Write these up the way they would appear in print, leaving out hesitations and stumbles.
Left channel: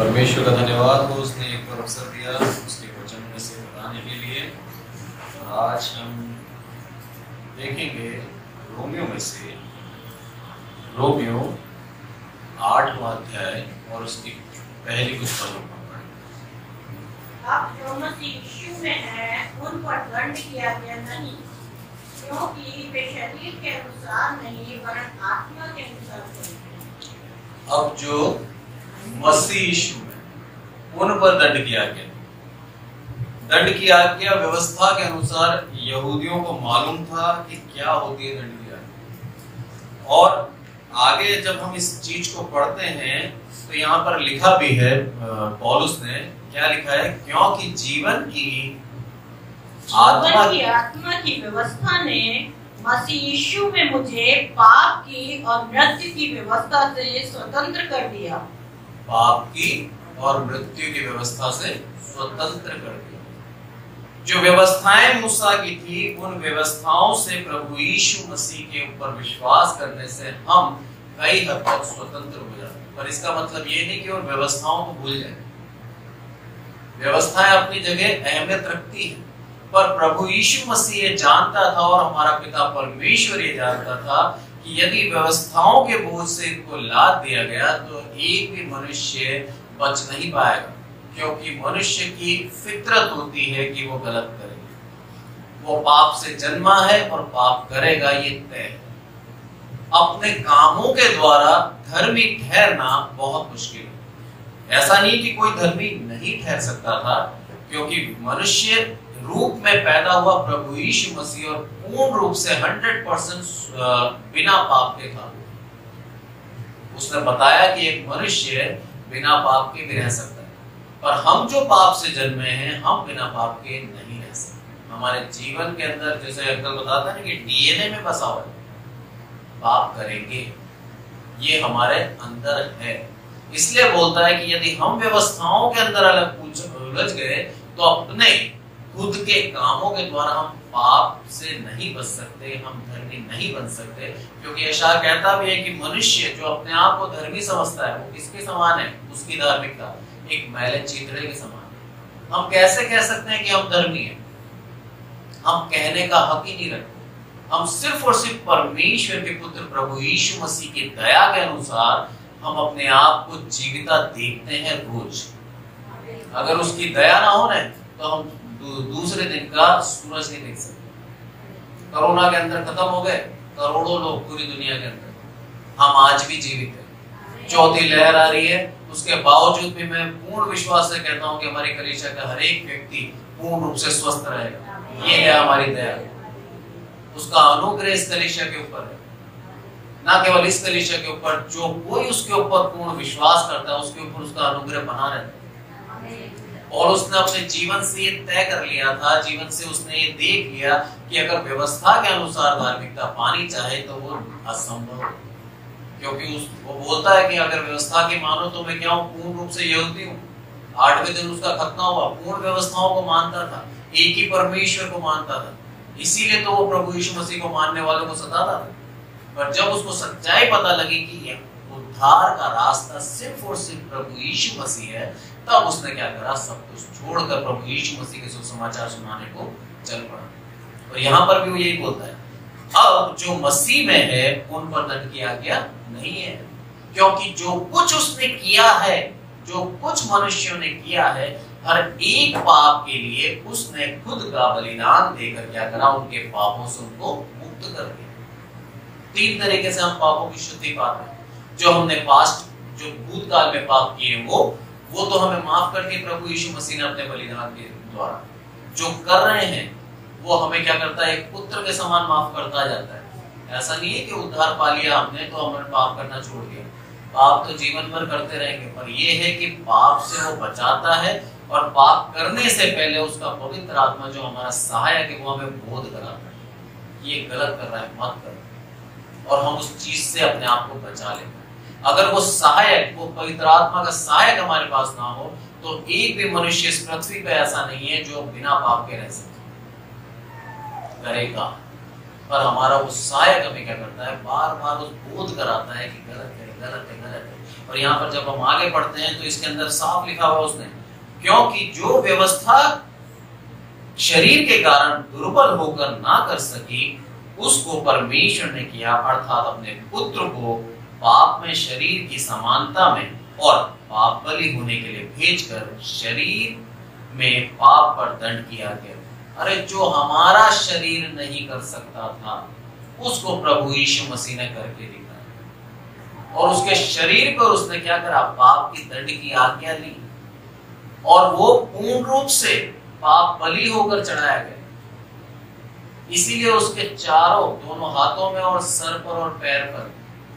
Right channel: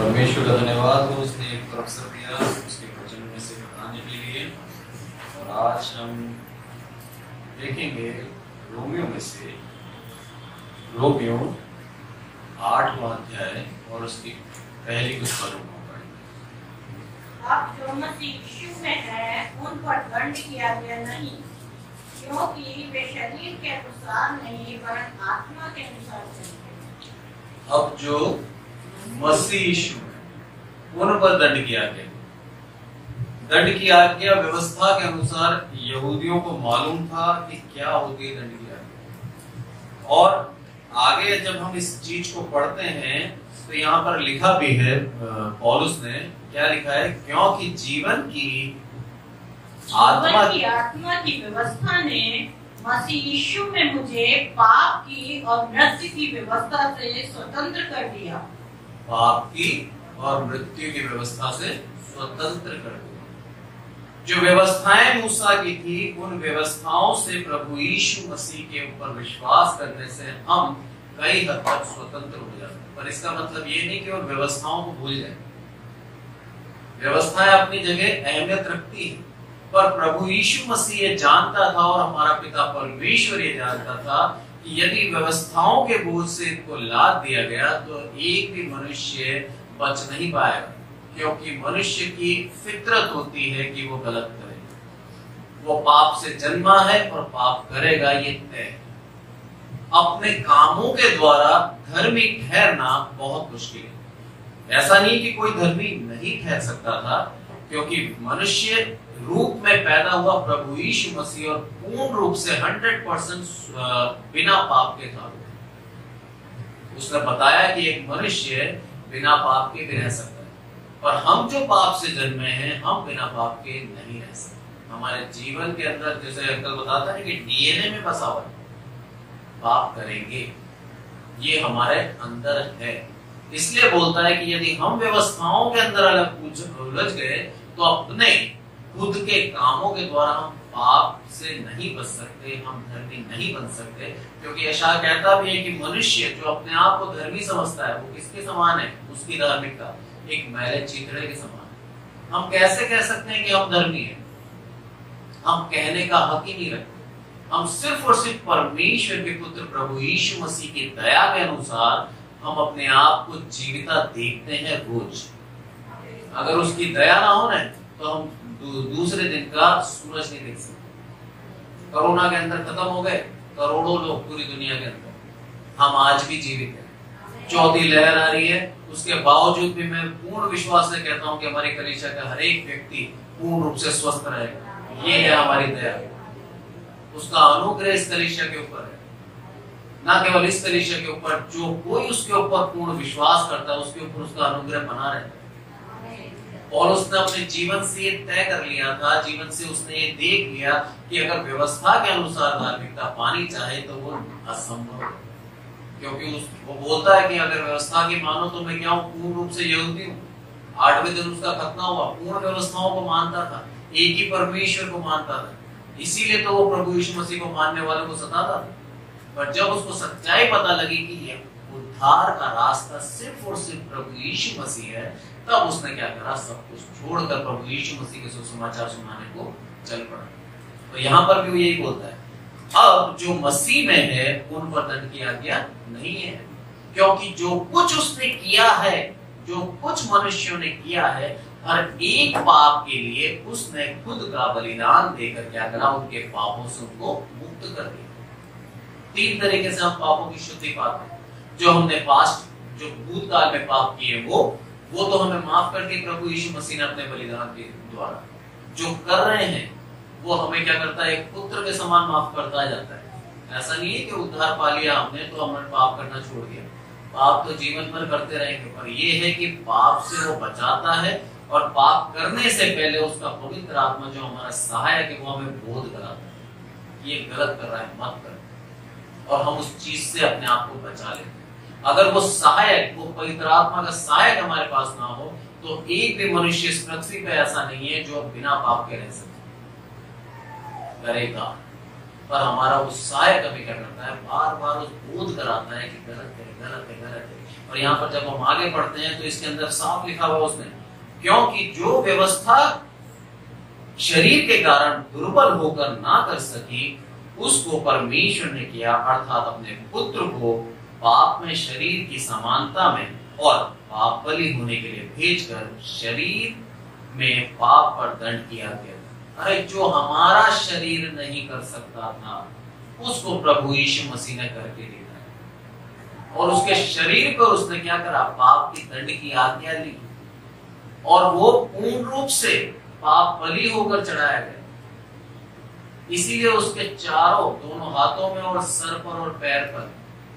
परमेश्वर का धन्यवाद हो, उसने एक और अवसर दिया उसके वचन में से बताने के लिए। और आज हम देखेंगे रोमियो 8वां अध्याय और उसकी पहली कुछ पदों को पढ़ेंगे। अब जो मसीह यीशु में है उन पर दंड किया गया नहीं, क्योंकि वे शरीर के अनुसार नहीं वरन आत्मा के अनुसार चलते। अब जो मसीह यीशु में उन पर दंड किया गया, दंड की आज्ञा व्यवस्था के अनुसार यहूदियों को मालूम था कि क्या होती है दंड की आज्ञा। और आगे जब हम इस चीज को पढ़ते हैं तो यहाँ पर लिखा भी है, पौलुस ने क्या लिखा है, क्योंकि जीवन की आत्मा की व्यवस्था ने मसीह यीशु में मुझे पाप की और मृत्यु की व्यवस्था से स्वतंत्र कर दिया। पाप की और मृत्यु की व्यवस्था से स्वतंत्र कर दिया। जो व्यवस्थाएं मूसा की थी, उन व्यवस्थाओं से प्रभु यीशु मसीह के ऊपर विश्वास करने से हम कई हद तक स्वतंत्र हो जाते हैं। पर इसका मतलब ये नहीं कि और व्यवस्थाओं को भूल जाए। व्यवस्थाएं अपनी जगह अहमियत रखती है, पर प्रभु यीशु मसीह ये जानता था और हमारा पिता परमेश्वर ये जानता था कि यदि व्यवस्थाओं के बोझ से इनको लाद दिया गया तो एक भी मनुष्य बच नहीं पाएगा, क्योंकि मनुष्य की फितरत होती है कि वो गलत करे। वो पाप से जन्मा है और पाप करेगा, ये तय है। अपने कामों के द्वारा धर्मी ठहरना बहुत मुश्किल है। ऐसा नहीं कि कोई धर्मी नहीं ठहर सकता था, क्योंकि मनुष्य रूप में पैदा हुआ प्रभु यीशु मसीह और पूर्ण रूप से 100% बिना पाप के था। उसने बताया कि एक मनुष्य बिना पाप के भी रह सकता है, पर हम जो पाप से जन्मे हैं हम बिना पाप के नहीं रह सकते। हमारे जीवन के अंदर, जैसे अंकल बताता है कि डीएनए में बसा हुआ है, पाप करेंगे, ये हमारे अंदर है। इसलिए बोलता है कि यदि हम व्यवस्थाओं के अंदर अलग उलझ गए तो अपने खुद के कामों के द्वारा हम पाप से नहीं बच सकते, हम धर्मी नहीं बन सकते। क्योंकि यशायाह कहता भी है कि मनुष्य जो अपने आप को धर्मी समझता है वो किसके समान है, उसकी धार्मिकता एक मैले चीथड़े के समान। हम कैसे कह सकते हैं कि हम धर्मी हैं? हम कहने का हक ही नहीं रखते। हम सिर्फ और सिर्फ परमेश्वर के पुत्र प्रभु यीशु मसीह की दया के अनुसार हम अपने आप को जीविता देखते हैं रोज। अगर उसकी दया ना हो ना तो हम दूसरे दिन का सूरज नहीं देख सकते। कोरोना के अंदर खत्म हो गए करोड़ों लोग पूरी दुनिया के अंदर, हम आज भी जीवित हैं। चौथी लहर आ रही है, उसके बावजूद भी मैं पूर्ण विश्वास से कहता हूं कि हमारी कलीसिया का हर एक व्यक्ति पूर्ण रूप से स्वस्थ रहेगा। ये है हमारी दया, उसका अनुग्रह इस कलीसिया के ऊपर है। ना केवल इस कलीसिया के ऊपर, जो कोई उसके ऊपर पूर्ण विश्वास करता है उसके ऊपर उसका अनुग्रह बना रहता है। और उसने अपने जीवन से ये तय कर लिया था, जीवन से उसने ये देख लिया कि अगर व्यवस्था के अनुसार धार्मिकता पानी चाहे तो वो असंभव है। क्योंकि वो बोलता है कि अगर व्यवस्था की मानो तो मैं क्या हूँ, पूर्ण रूप से यहूदी हूँ। 8वें दिन उसका खतना हुआ, पूर्ण व्यवस्थाओं को मानता था, एक ही परमेश्वर को मानता था। इसीलिए तो वो प्रभु यीशु मसीह को मानने वालों को सताता था। पर जब उसको सच्चाई पता लगी कि उद्धार का रास्ता सिर्फ और सिर्फ प्रभु यीशु मसीह है, तब उसने क्या करा, सब कुछ छोड़कर प्रभु यीशु मसीह के सुसमाचार सुनाने को चल पड़ा। तो यहाँ पर भी वो यही बोलता है, अब जो मसीह में है उन पर दंड की आज्ञा नहीं है, क्योंकि जो कुछ उसने किया है, जो कुछ मनुष्यों ने किया है, हर एक पाप के लिए उसने खुद का बलिदान देकर क्या करा, उनके पापों से उनको मुक्त कर दिया। 3 तरीके से हम पापों की शुद्धि पाते हैं। जो हमने जो भूतकाल में पाप किए वो तो हमें माफ कर दिए प्रभु यीशु मसीह ने अपने बलिदान के द्वारा। जो कर रहे हैं वो हमें क्या करता है, एक पुत्र के समान माफ करता जाता है। ऐसा नहीं है कि उद्धार पा लिया हमने तो हमने पाप करना छोड़ दिया। पाप तो जीवन भर करते रहेंगे, पर यह है कि पाप से वो बचाता है और पाप करने से पहले उसका पवित्र आत्मा जो हमारा सहायक है वो हमें बोध कराता है, ये गलत कर रहा है, मत करो, और हम उस चीज से अपने आप को बचा लेते हैं। अगर वो सहायक, वो पवित्र आत्मा का सहायक हमारे पास ना हो तो एक भी मनुष्य इस पृथ्वी पे ऐसा नहीं है जो बिना पाप के रह सके, करेगा। पर हमारा वो सहायक हमें क्या करता है, बार बार उस बोध कराता है कि गलत है, गलत है, गलत है। और यहाँ पर जब हम आगे पढ़ते हैं तो इसके अंदर साफ लिखा हुआ उसने, क्योंकि जो व्यवस्था शरीर के कारण दुर्बल होकर ना कर सकी उसको परमेश्वर ने किया, अर्थात अपने पुत्र को पाप में शरीर की समानता में और पाप बलि होने के लिए भेजकर शरीर में पाप पर दंड किया गया। अरे जो हमारा शरीर नहीं कर सकता था उसको प्रभु यीशु मसीह ने करके दिखाया, और उसके शरीर पर उसने क्या करा, पाप की दंड की आज्ञा ली, और वो पूर्ण रूप से पाप बलि होकर चढ़ाया गया। इसीलिए उसके चारों, दोनों हाथों में और सर पर और पैर पर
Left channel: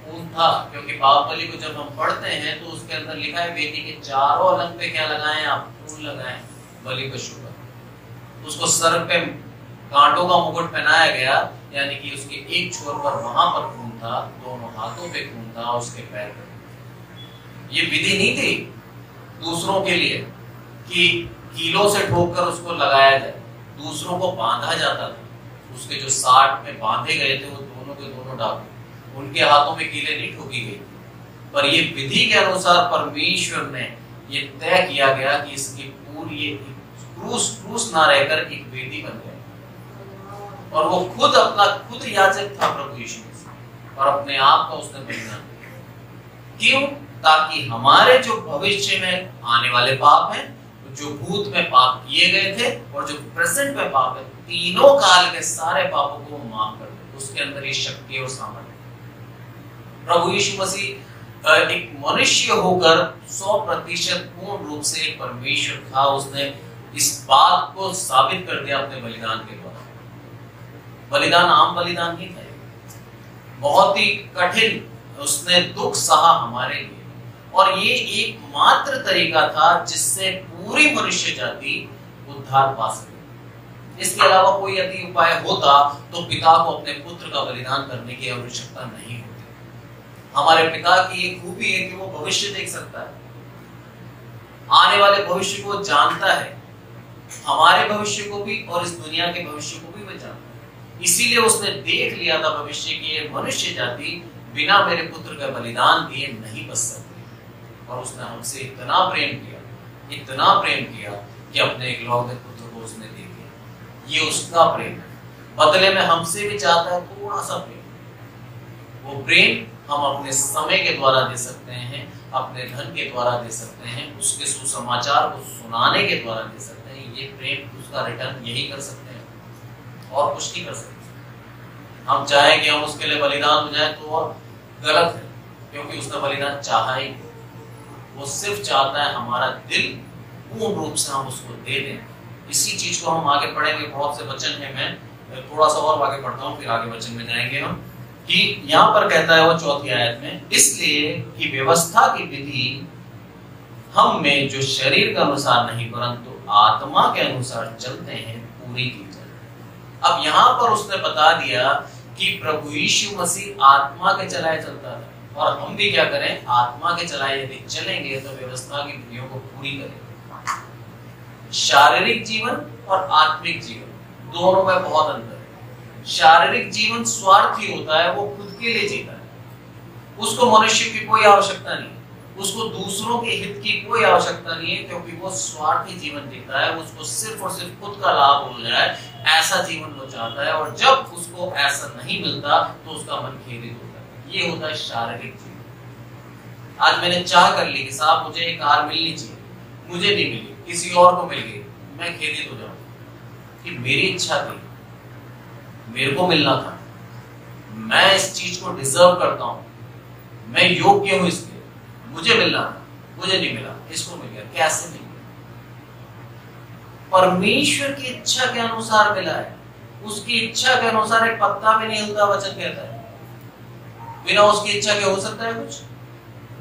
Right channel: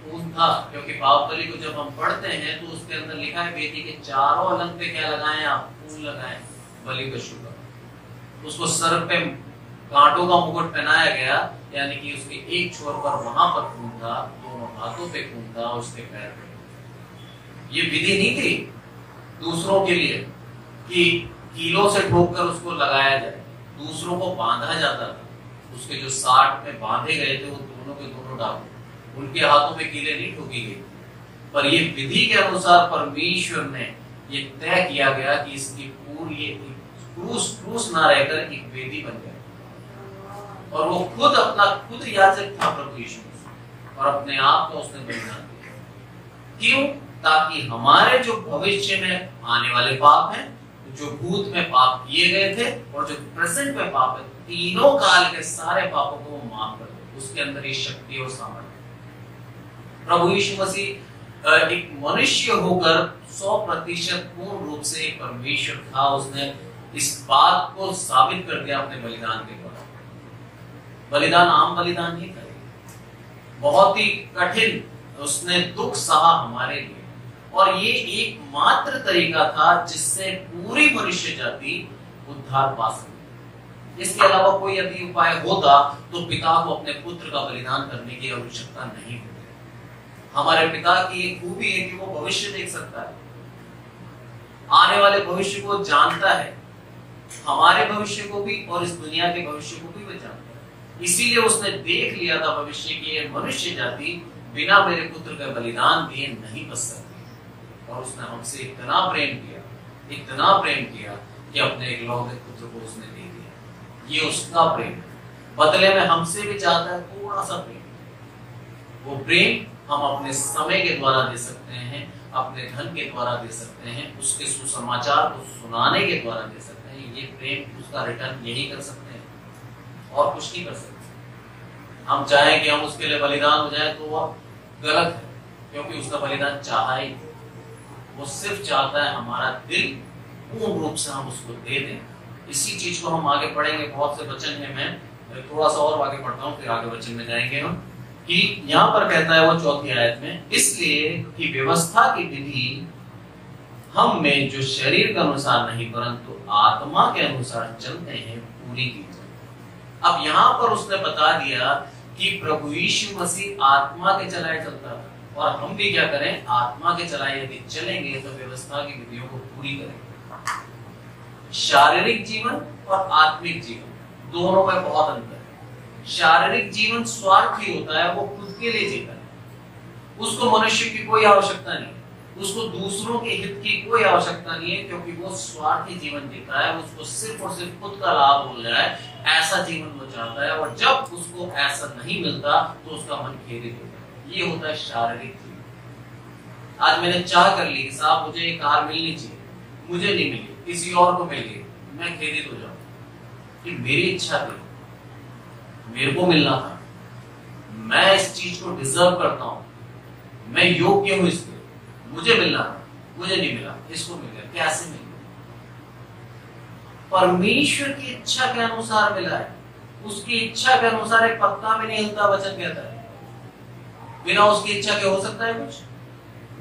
खून था, क्योंकि पाप बलि को जब हम पढ़ते हैं तो उसके अंदर लिखा है वेदी के चारों अलंग पे क्या लगाएं आप, खून लगाएं बलि को शुभ। उसको सर पे कांटों का मुकुट पहनाया गया, यानी कि उसके एक छोर पर वहां पर खून था, दोनों हाथों पे खून था, उसके पैर पे। ये विधि नहीं थी दूसरों के लिए कि कीलों से ठोककर उसको लगाया जाए, दूसरों को बांधा जाता था। उसके जो 60 में बांधे गए थे वो दोनों के दोनों डाकू, उनके हाथों में कीलें नहीं ठोकी गई, पर ये विधि के अनुसार परमेश्वर ने ये तय किया गया कि इसकी पूरी क्रूस ना रहकर एक वेदी बन गया, और वो खुद याजक था प्रभु यीशु मसीह, और अपने आप का उसने बलिदान दिया। क्यों? ताकि हमारे जो भविष्य में आने वाले पाप हैं, जो भूत में पाप किए गए थे और जो प्रेजेंट में पाप है, तीनों काल के सारे पापों को माफ कर दे। उसके अंदर ये शक्ति और सामर्थ्य। प्रभु यीशु मसीह एक मनुष्य होकर 100% पूर्ण रूप से एक परमेश्वर था। उसने इस बात को साबित कर दिया अपने बलिदान के द्वारा। बलिदान आम बलिदान नहीं था, बहुत ही कठिन उसने दुख सहा हमारे लिए, और ये एकमात्र तरीका था जिससे पूरी मनुष्य जाति उद्धार पा सके। इसके अलावा कोई यदि उपाय होता तो पिता को अपने पुत्र का बलिदान करने की आवश्यकता नहीं होती। हमारे पिता की एक खूबी है कि वो भविष्य देख सकता है, आने वाले भविष्य को जानता है, हमारे भविष्य को भी और इस दुनिया के भविष्य को भी वो जानता है। इसीलिए उसने देख लिया था भविष्य की ये मनुष्य जाति बिना मेरे पुत्र का बलिदान दिए नहीं बच सकती, और उसने हमसे इतना प्रेम किया कि अपने इकलौते पुत्र को उसने दे दिया। ये उसका प्रेम, बदले में हमसे भी चाहता है थोड़ा सा प्रेम। वो प्रेम हम अपने समय के द्वारा दे सकते हैं, अपने धन के द्वारा दे सकते हैं, उसके सुसमाचार को सुनाने के द्वारा दे सकते हैं। ये प्रेम उसका रिटर्न यही कर सकते हैं और कुछ नहीं कर सकते। हम चाहें कि हम उसके लिए बलिदान हो जाए तो वो गलत है, क्योंकि उसका बलिदान चाहा ही, वो सिर्फ चाहता है हमारा दिल पूर्ण रूप से हम उसको दे दें। इसी चीज को हम आगे पढ़ेंगे, बहुत से वचन है, मैं थोड़ा सा और आगे पढ़ता हूँ फिर आगे वचन में जाएंगे हम। कि यहाँ पर कहता है वो 4वीं आयत में, इसलिए कि व्यवस्था की विधि हम में जो शरीर के अनुसार नहीं परंतु आत्मा के अनुसार चलते हैं पूरी की जाए। अब यहाँ पर उसने बता दिया कि प्रभु यीशु मसीह आत्मा के चलाए चलता था, और हम भी क्या करें, आत्मा के चलाए यदि चलेंगे तो व्यवस्था की विधियों को पूरी करेंगे। शारीरिक जीवन और आत्मिक जीवन दोनों में बहुत अंतर है। शारीरिक जीवन स्वार्थी होता है, वो खुद के लिए जीता है, उसको मनुष्य की कोई आवश्यकता नहीं, उसको दूसरों के हित की कोई आवश्यकता नहीं है, क्योंकि वो स्वार्थी जीवन जीता है। उसको सिर्फ और सिर्फ खुद का लाभ हो जाए ऐसा जीवन वो चाहता है, और जब उसको ऐसा नहीं मिलता तो उसका मन खेदित होता है। ये होता है शारीरिक जीवन। आज मैंने चाह कर ली कि साहब मुझे एक कार मिलनी चाहिए, मुझे नहीं मिली, किसी और को मिल गई, मैं खेदित हो जाऊं कि मेरी इच्छा थी, मेरे को मिलना था, मैं इस चीज को डिजर्व करता हूं, मैं योग्य हूं इसके, मुझे मिलना था, मुझे नहीं मिला, इसको मिल गया। कैसे मिल गया? परमेश्वर की इच्छा के अनुसार मिला है। उसकी इच्छा के अनुसार एक पत्ता भी नहीं हिलता, वचन कहता है। बिना उसकी इच्छा के हो सकता है कुछ?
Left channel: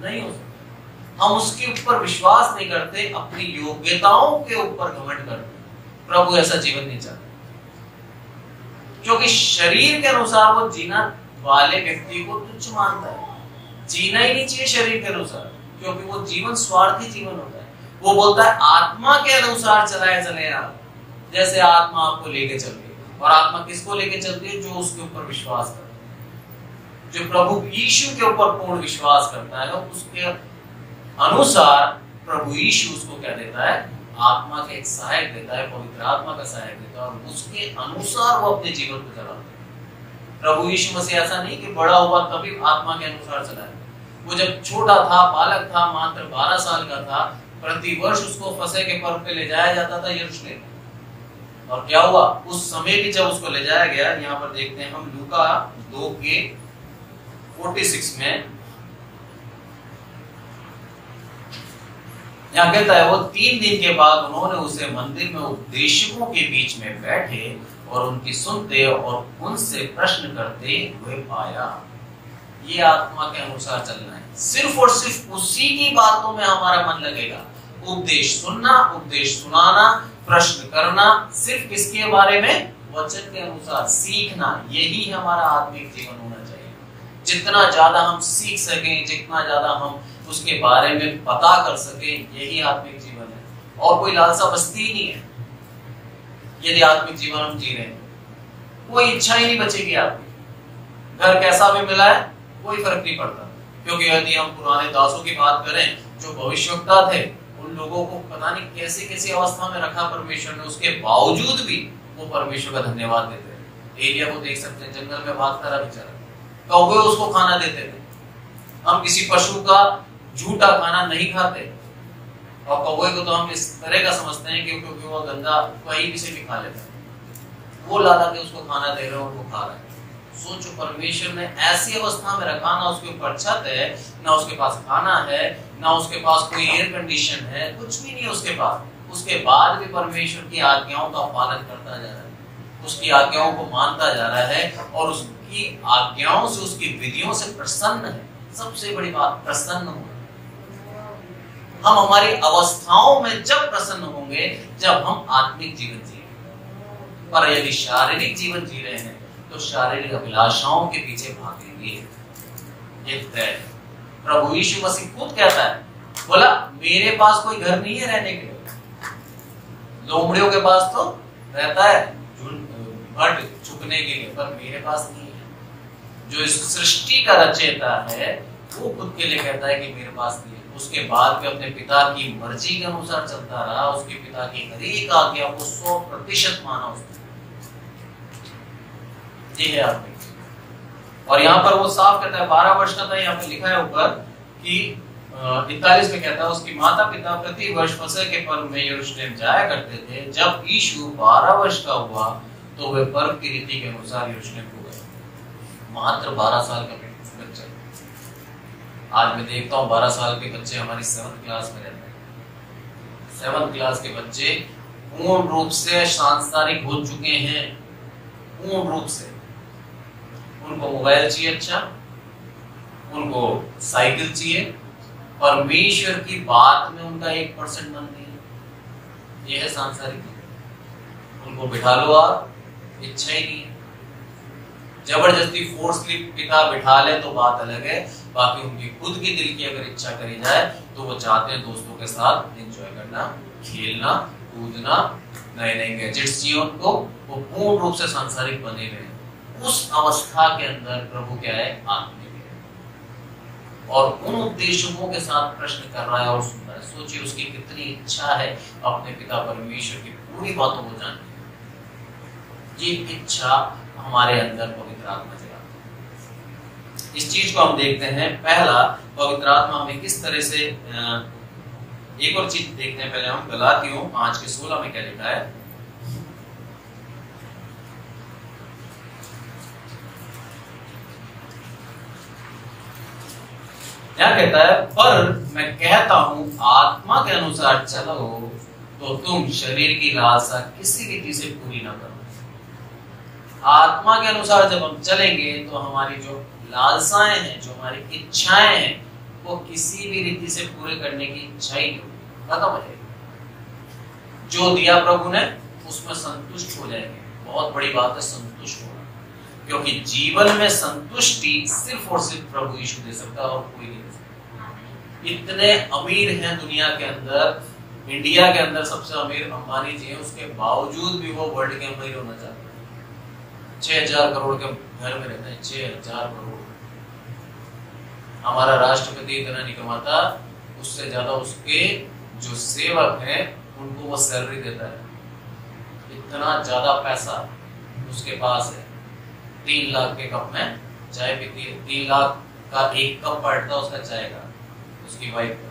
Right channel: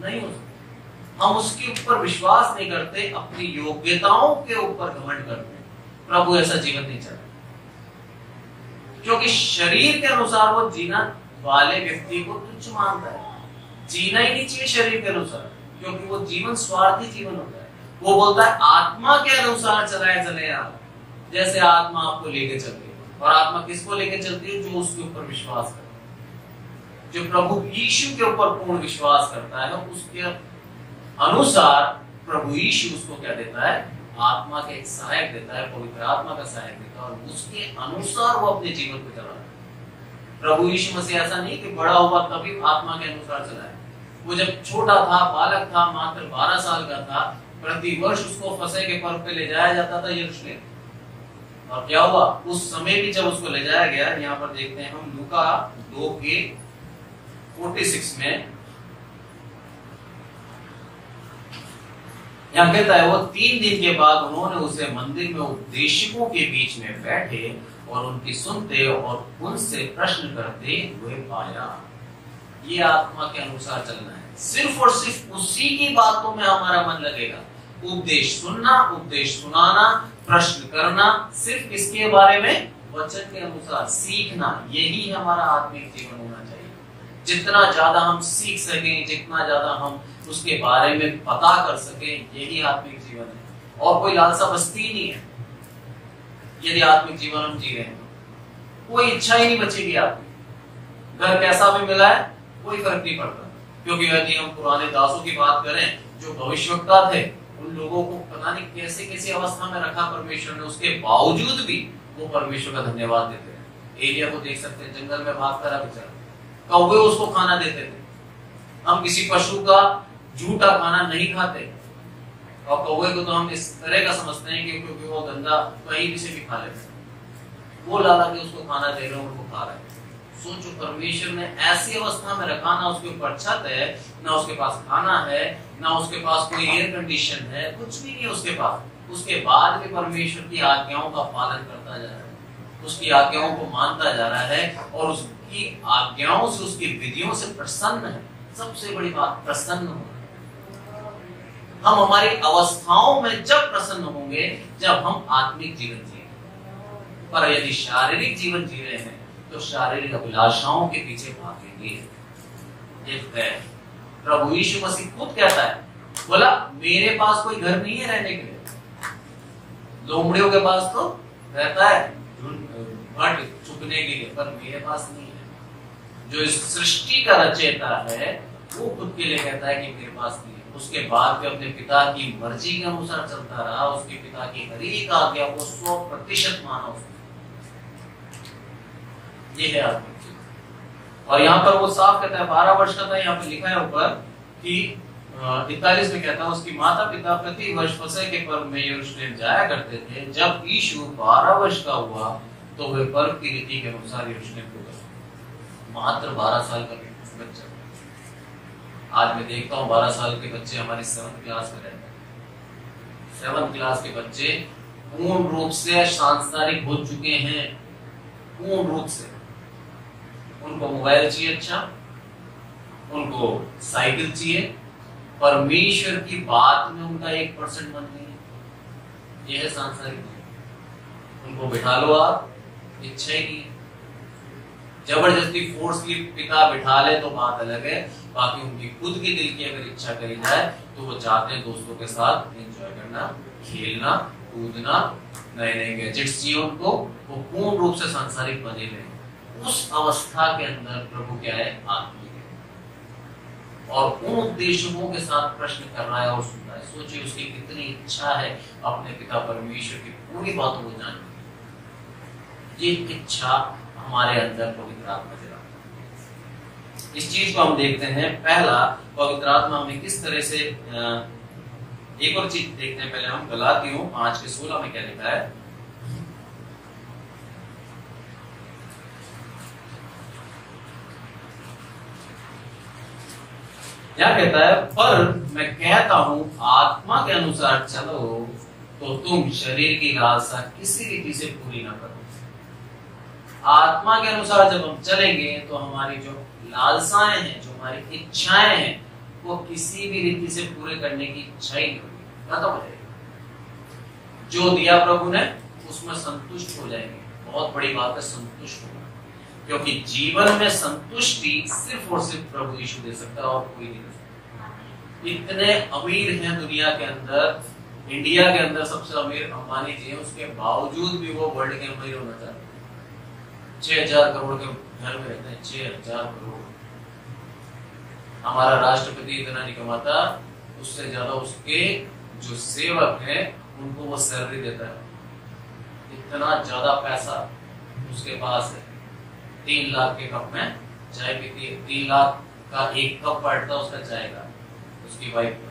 नहीं हो सकता। हम उसके ऊपर विश्वास नहीं करते, अपनी योग्यताओं के ऊपर घमंड करते हैं। प्रभु ऐसा जीवन नहीं चाहता, क्योंकि शरीर के अनुसार वो जीना वाले व्यक्ति को तुच्छ मानता है। जीना ही नहीं चाहिए शरीर के अनुसार, क्योंकि वो जीवन स्वार्थी जीवन होता है। वो बोलता है आत्मा के अनुसार चलाए चले आप, जैसे आत्मा आपको लेके चल रही है। और आत्मा किसको लेके चलती है? जो उसके ऊपर विश्वास करता है, जो प्रभु यीशु के ऊपर पूर्ण विश्वास करता है, उसके अनुसार प्रभु यीशु उसको क्या देता है, आत्मा का एक सहायक देता है, पवित्र आत्मा का सहायक देता है, और उसके अनुसार वो अपने जीवन को चलाता है। प्रभु यीशु मसीह ऐसा नहीं कि बड़ा हुआ तभी आत्मा के अनुसार चलाए। वो जब छोटा था, बालक था, मात्र 12 साल का था, प्रति वर्ष उसको फसह के पर्व पे ले जाया जाता था यरूशलेम। और क्या हुआ उस समय भी जब उसको ले जाया गया, यहाँ पर देखते हैं हम लूका 2:46 में, यहाँ कहता है वो 3 दिन के बाद उन्होंने उसे मंदिर में उपदेशकों के बीच में बैठे और उनकी सुनते और उनसे प्रश्न करते हुए पाया। ये आत्मा के अनुसार चलना है, सिर्फ और सिर्फ उसी की बातों में हमारा मन लगेगा। उपदेश सुनना, उपदेश सुनाना, प्रश्न करना, सिर्फ किसके बारे में, वचन के अनुसार सीखना, यही हमारा आत्मिक जीवन होना चाहिए। जितना ज्यादा हम सीख सकें, जितना ज्यादा हम उसके बारे में पता कर सकें, यही आत्मिक जीवन है। और कोई लालसा बस्ती ही नहीं है यदि आत्मिक जीवन हम जी रहे हैं। कोई इच्छा ही नहीं बचेगी आपकी। घर कैसा भी मिला है कोई फर्क नहीं पड़ता, क्योंकि यदि हम पुराने दासों की बात करें जो भविष्यवक्ता थे, उन लोगों को पता नहीं कैसे कैसी अवस्था में रखा परमेश्वर ने, उसके बावजूद भी वो परमेश्वर का धन्यवाद देते हैं। एलिया को देख सकते हैं, जंगल में भागता रहा बेचारा, कौवे उसको खाना देते थे। हम किसी पशु का झूठा खाना नहीं खाते, और कौवे को तो हम इस तरह का समझते हैं कि क्योंकि वो गंदा कहीं भी से भी खा लेते हैं, वो लाला के उसको खाना दे रहे हैं और वो खा रहे हैं। सोचो, परमेश्वर ने ऐसी अवस्था में रखा, ना उसके ऊपर छत है, ना उसके पास खाना है, ना उसके पास कोई एयर कंडीशन है, कुछ भी नहीं है उसके पास। उसके बाद भी परमेश्वर की आज्ञाओं का पालन करता जा रहा है, उसकी आज्ञाओं को मानता जा रहा है, और उसकी आज्ञाओं से, उसकी विधियों से प्रसन्न है। सबसे बड़ी बात, प्रसन्न होना। हम हमारी अवस्थाओं में जब प्रसन्न होंगे जब हम आत्मिक जीवन जिएंगे। पर यदि शारीरिक जीवन जी रहे हैं तो शारीरिक अभिलाषाओं के पीछे भागेंगे, ये तय है। प्रभु यीशु मसीह खुद कहता है, बोला मेरे पास कोई घर नहीं है रहने के लिए। लोमड़ियों के पास तो रहता है भट चुकने के लिए, पर मेरे पास नहीं है। जो इस सृष्टि का रचयिता है वो खुद के लिए कहता है कि मेरे पास नहीं है। उसके बाद भी अपने पिता की मर्जी के अनुसार चलता रहा, उसके पिता की हर एक आज्ञा को 100% माना उसने। ये है आत्मिक। और यहाँ पर वो साफ कहता है, 12 वर्ष का था, यहाँ पे लिखा है ऊपर कि 41 में कहता है उसकी माता पिता प्रति वर्ष फसह के पर्व में यरूशलेम जाया करते थे। जब यीशु 12 वर्ष का हुआ तो वे पर्व की रीति के अनुसार यरूशलेम को गए। मात्र 12 साल का बच्चा। आज मैं देखता हूँ 12 साल के बच्चे हमारी 7th क्लास में रहते हैं। 7th क्लास के बच्चे पूर्ण रूप से सांसारिक हो चुके हैं, पूर्ण रूप से। उनको मोबाइल चाहिए, अच्छा उनको साइकिल चाहिए, परमेश्वर की बात में उनका 1% मन नहीं है। यह है सांसारिक। उनको बिठा लो आप, इच्छा ही नहीं है। जबरदस्ती फोर्सली पिता बिठा ले तो बात अलग है, बाकी उनकी खुद की दिल की अगर इच्छा करी जाए तो वो चाहते हैं दोस्तों के साथ एंजॉय करना, खेलना, कूदना, नए नए गैजेट्स चाहिए उनको। वो पूर्ण रूप से सांसारिक बने हुए। उस अवस्था के अंदर प्रभु क्या है, आत्मिक है, और उन उद्देश्यों के साथ प्रश्न कर रहा है और सुन रहा है। सोचिए उसकी कितनी इच्छा है अपने पिता परमेश्वर की पूरी बातों को जानने। ये इच्छा हमारे अंदर पवित्र आत्मा जगाती है। इस चीज को हम देखते हैं। पहला, पवित्र आत्मा हमें किस तरह से, एक और चीज देखते हैं पहले हम। गलातियों 5:16 में क्या लिखा है, क्या कहता है, पर मैं कहता हूं आत्मा के अनुसार चलो तो तुम शरीर की लालसा किसी रीति से पूरी ना करो। आत्मा के अनुसार जब हम चलेंगे तो हमारी जो लालसाएं हैं, जो हमारी इच्छाएं हैं, वो किसी भी रीति से पूरे करने की इच्छा ही नहीं होगी, खत्म हो जाएगी। जो दिया प्रभु ने उसमें संतुष्ट हो जाएंगे। बहुत बड़ी बात है संतुष्ट होना, क्योंकि जीवन में संतुष्टि सिर्फ और सिर्फ प्रभु यीशु दे सकता है और कोई नहीं दे सकता। इतने अमीर हैं दुनिया के अंदर, इंडिया के अंदर सबसे अमीर अंबानी जी हैं, उसके बावजूद भी वो वर्ल्ड के अमीर होना चाहते हैं। 6,000 करोड़ के घर में रहते हैं, 6,000 करोड़। हमारा राष्ट्रपति इतना नहीं कमाता, उससे ज्यादा उसके जो सेवक हैं उनको वो सैलरी देता है। इतना ज्यादा पैसा उसके पास है। 3 लाख के कप में चाय पीती है, 3 लाख का एक कप बैठता उसका चाय का, उसकी वाइफ का।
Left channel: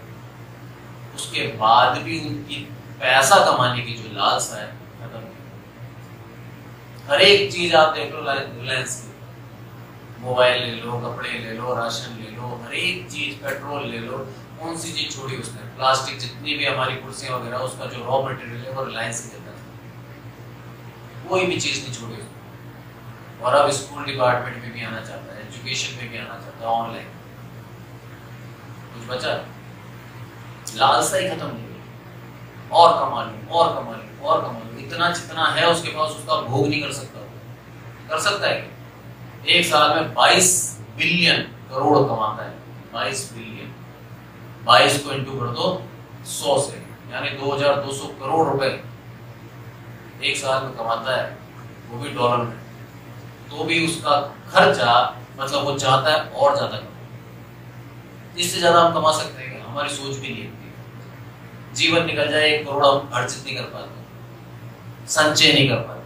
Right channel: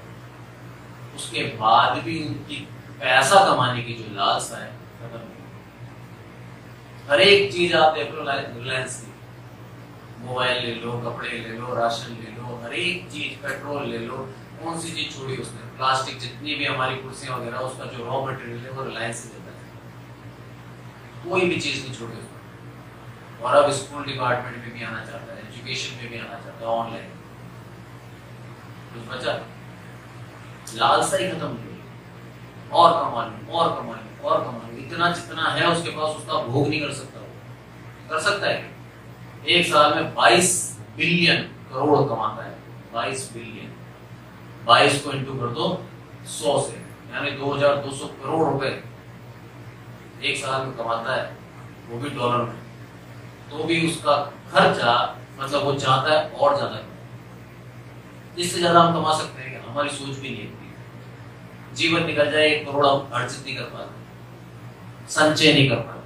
उसके बाद भी उनकी पैसा कमाने की जो लालसा है खत्म नहीं। हर एक चीज आप देख लो, रिलायंस की, मोबाइल ले लो, कपड़े ले लो, राशन ले लो, हर एक चीज, पेट्रोल ले लो, कौन सी चीज छोड़ी उसने? प्लास्टिक, जितनी भी हमारी कुर्सियां वगैरह, उसका जो रॉ मटेरियल है वो रिलायंस से देता है। कोई भी चीज नहीं छोड़ी उसने। और अब स्कूल डिपार्टमेंट में भी आना चाहता है, एजुकेशन में भी आना चाहता है, ऑनलाइन। कुछ बचा? लालसा ही खत्म नहीं हुई। और कमा लूं, और कमा लूं, और कमा लूं। इतना जितना है उसके पास, उसका भोग नहीं कर सकता। कर सकता है? एक साल में 22 बिलियन करोड़ कमाता है। 22 बिलियन, 22 को इंटू कर दो 100 से, यानी 2200 करोड़ रुपए एक साल में कमाता है, वो भी डॉलर में। तो भी उसका खर्चा, मतलब वो चाहता है और ज्यादा। इससे ज्यादा हम कमा सकते हैं? हमारी सोच भी नहीं होती। जीवन निकल जाए 1 करोड़, हम अर्जित नहीं कर पाते, संचय नहीं कर पाते।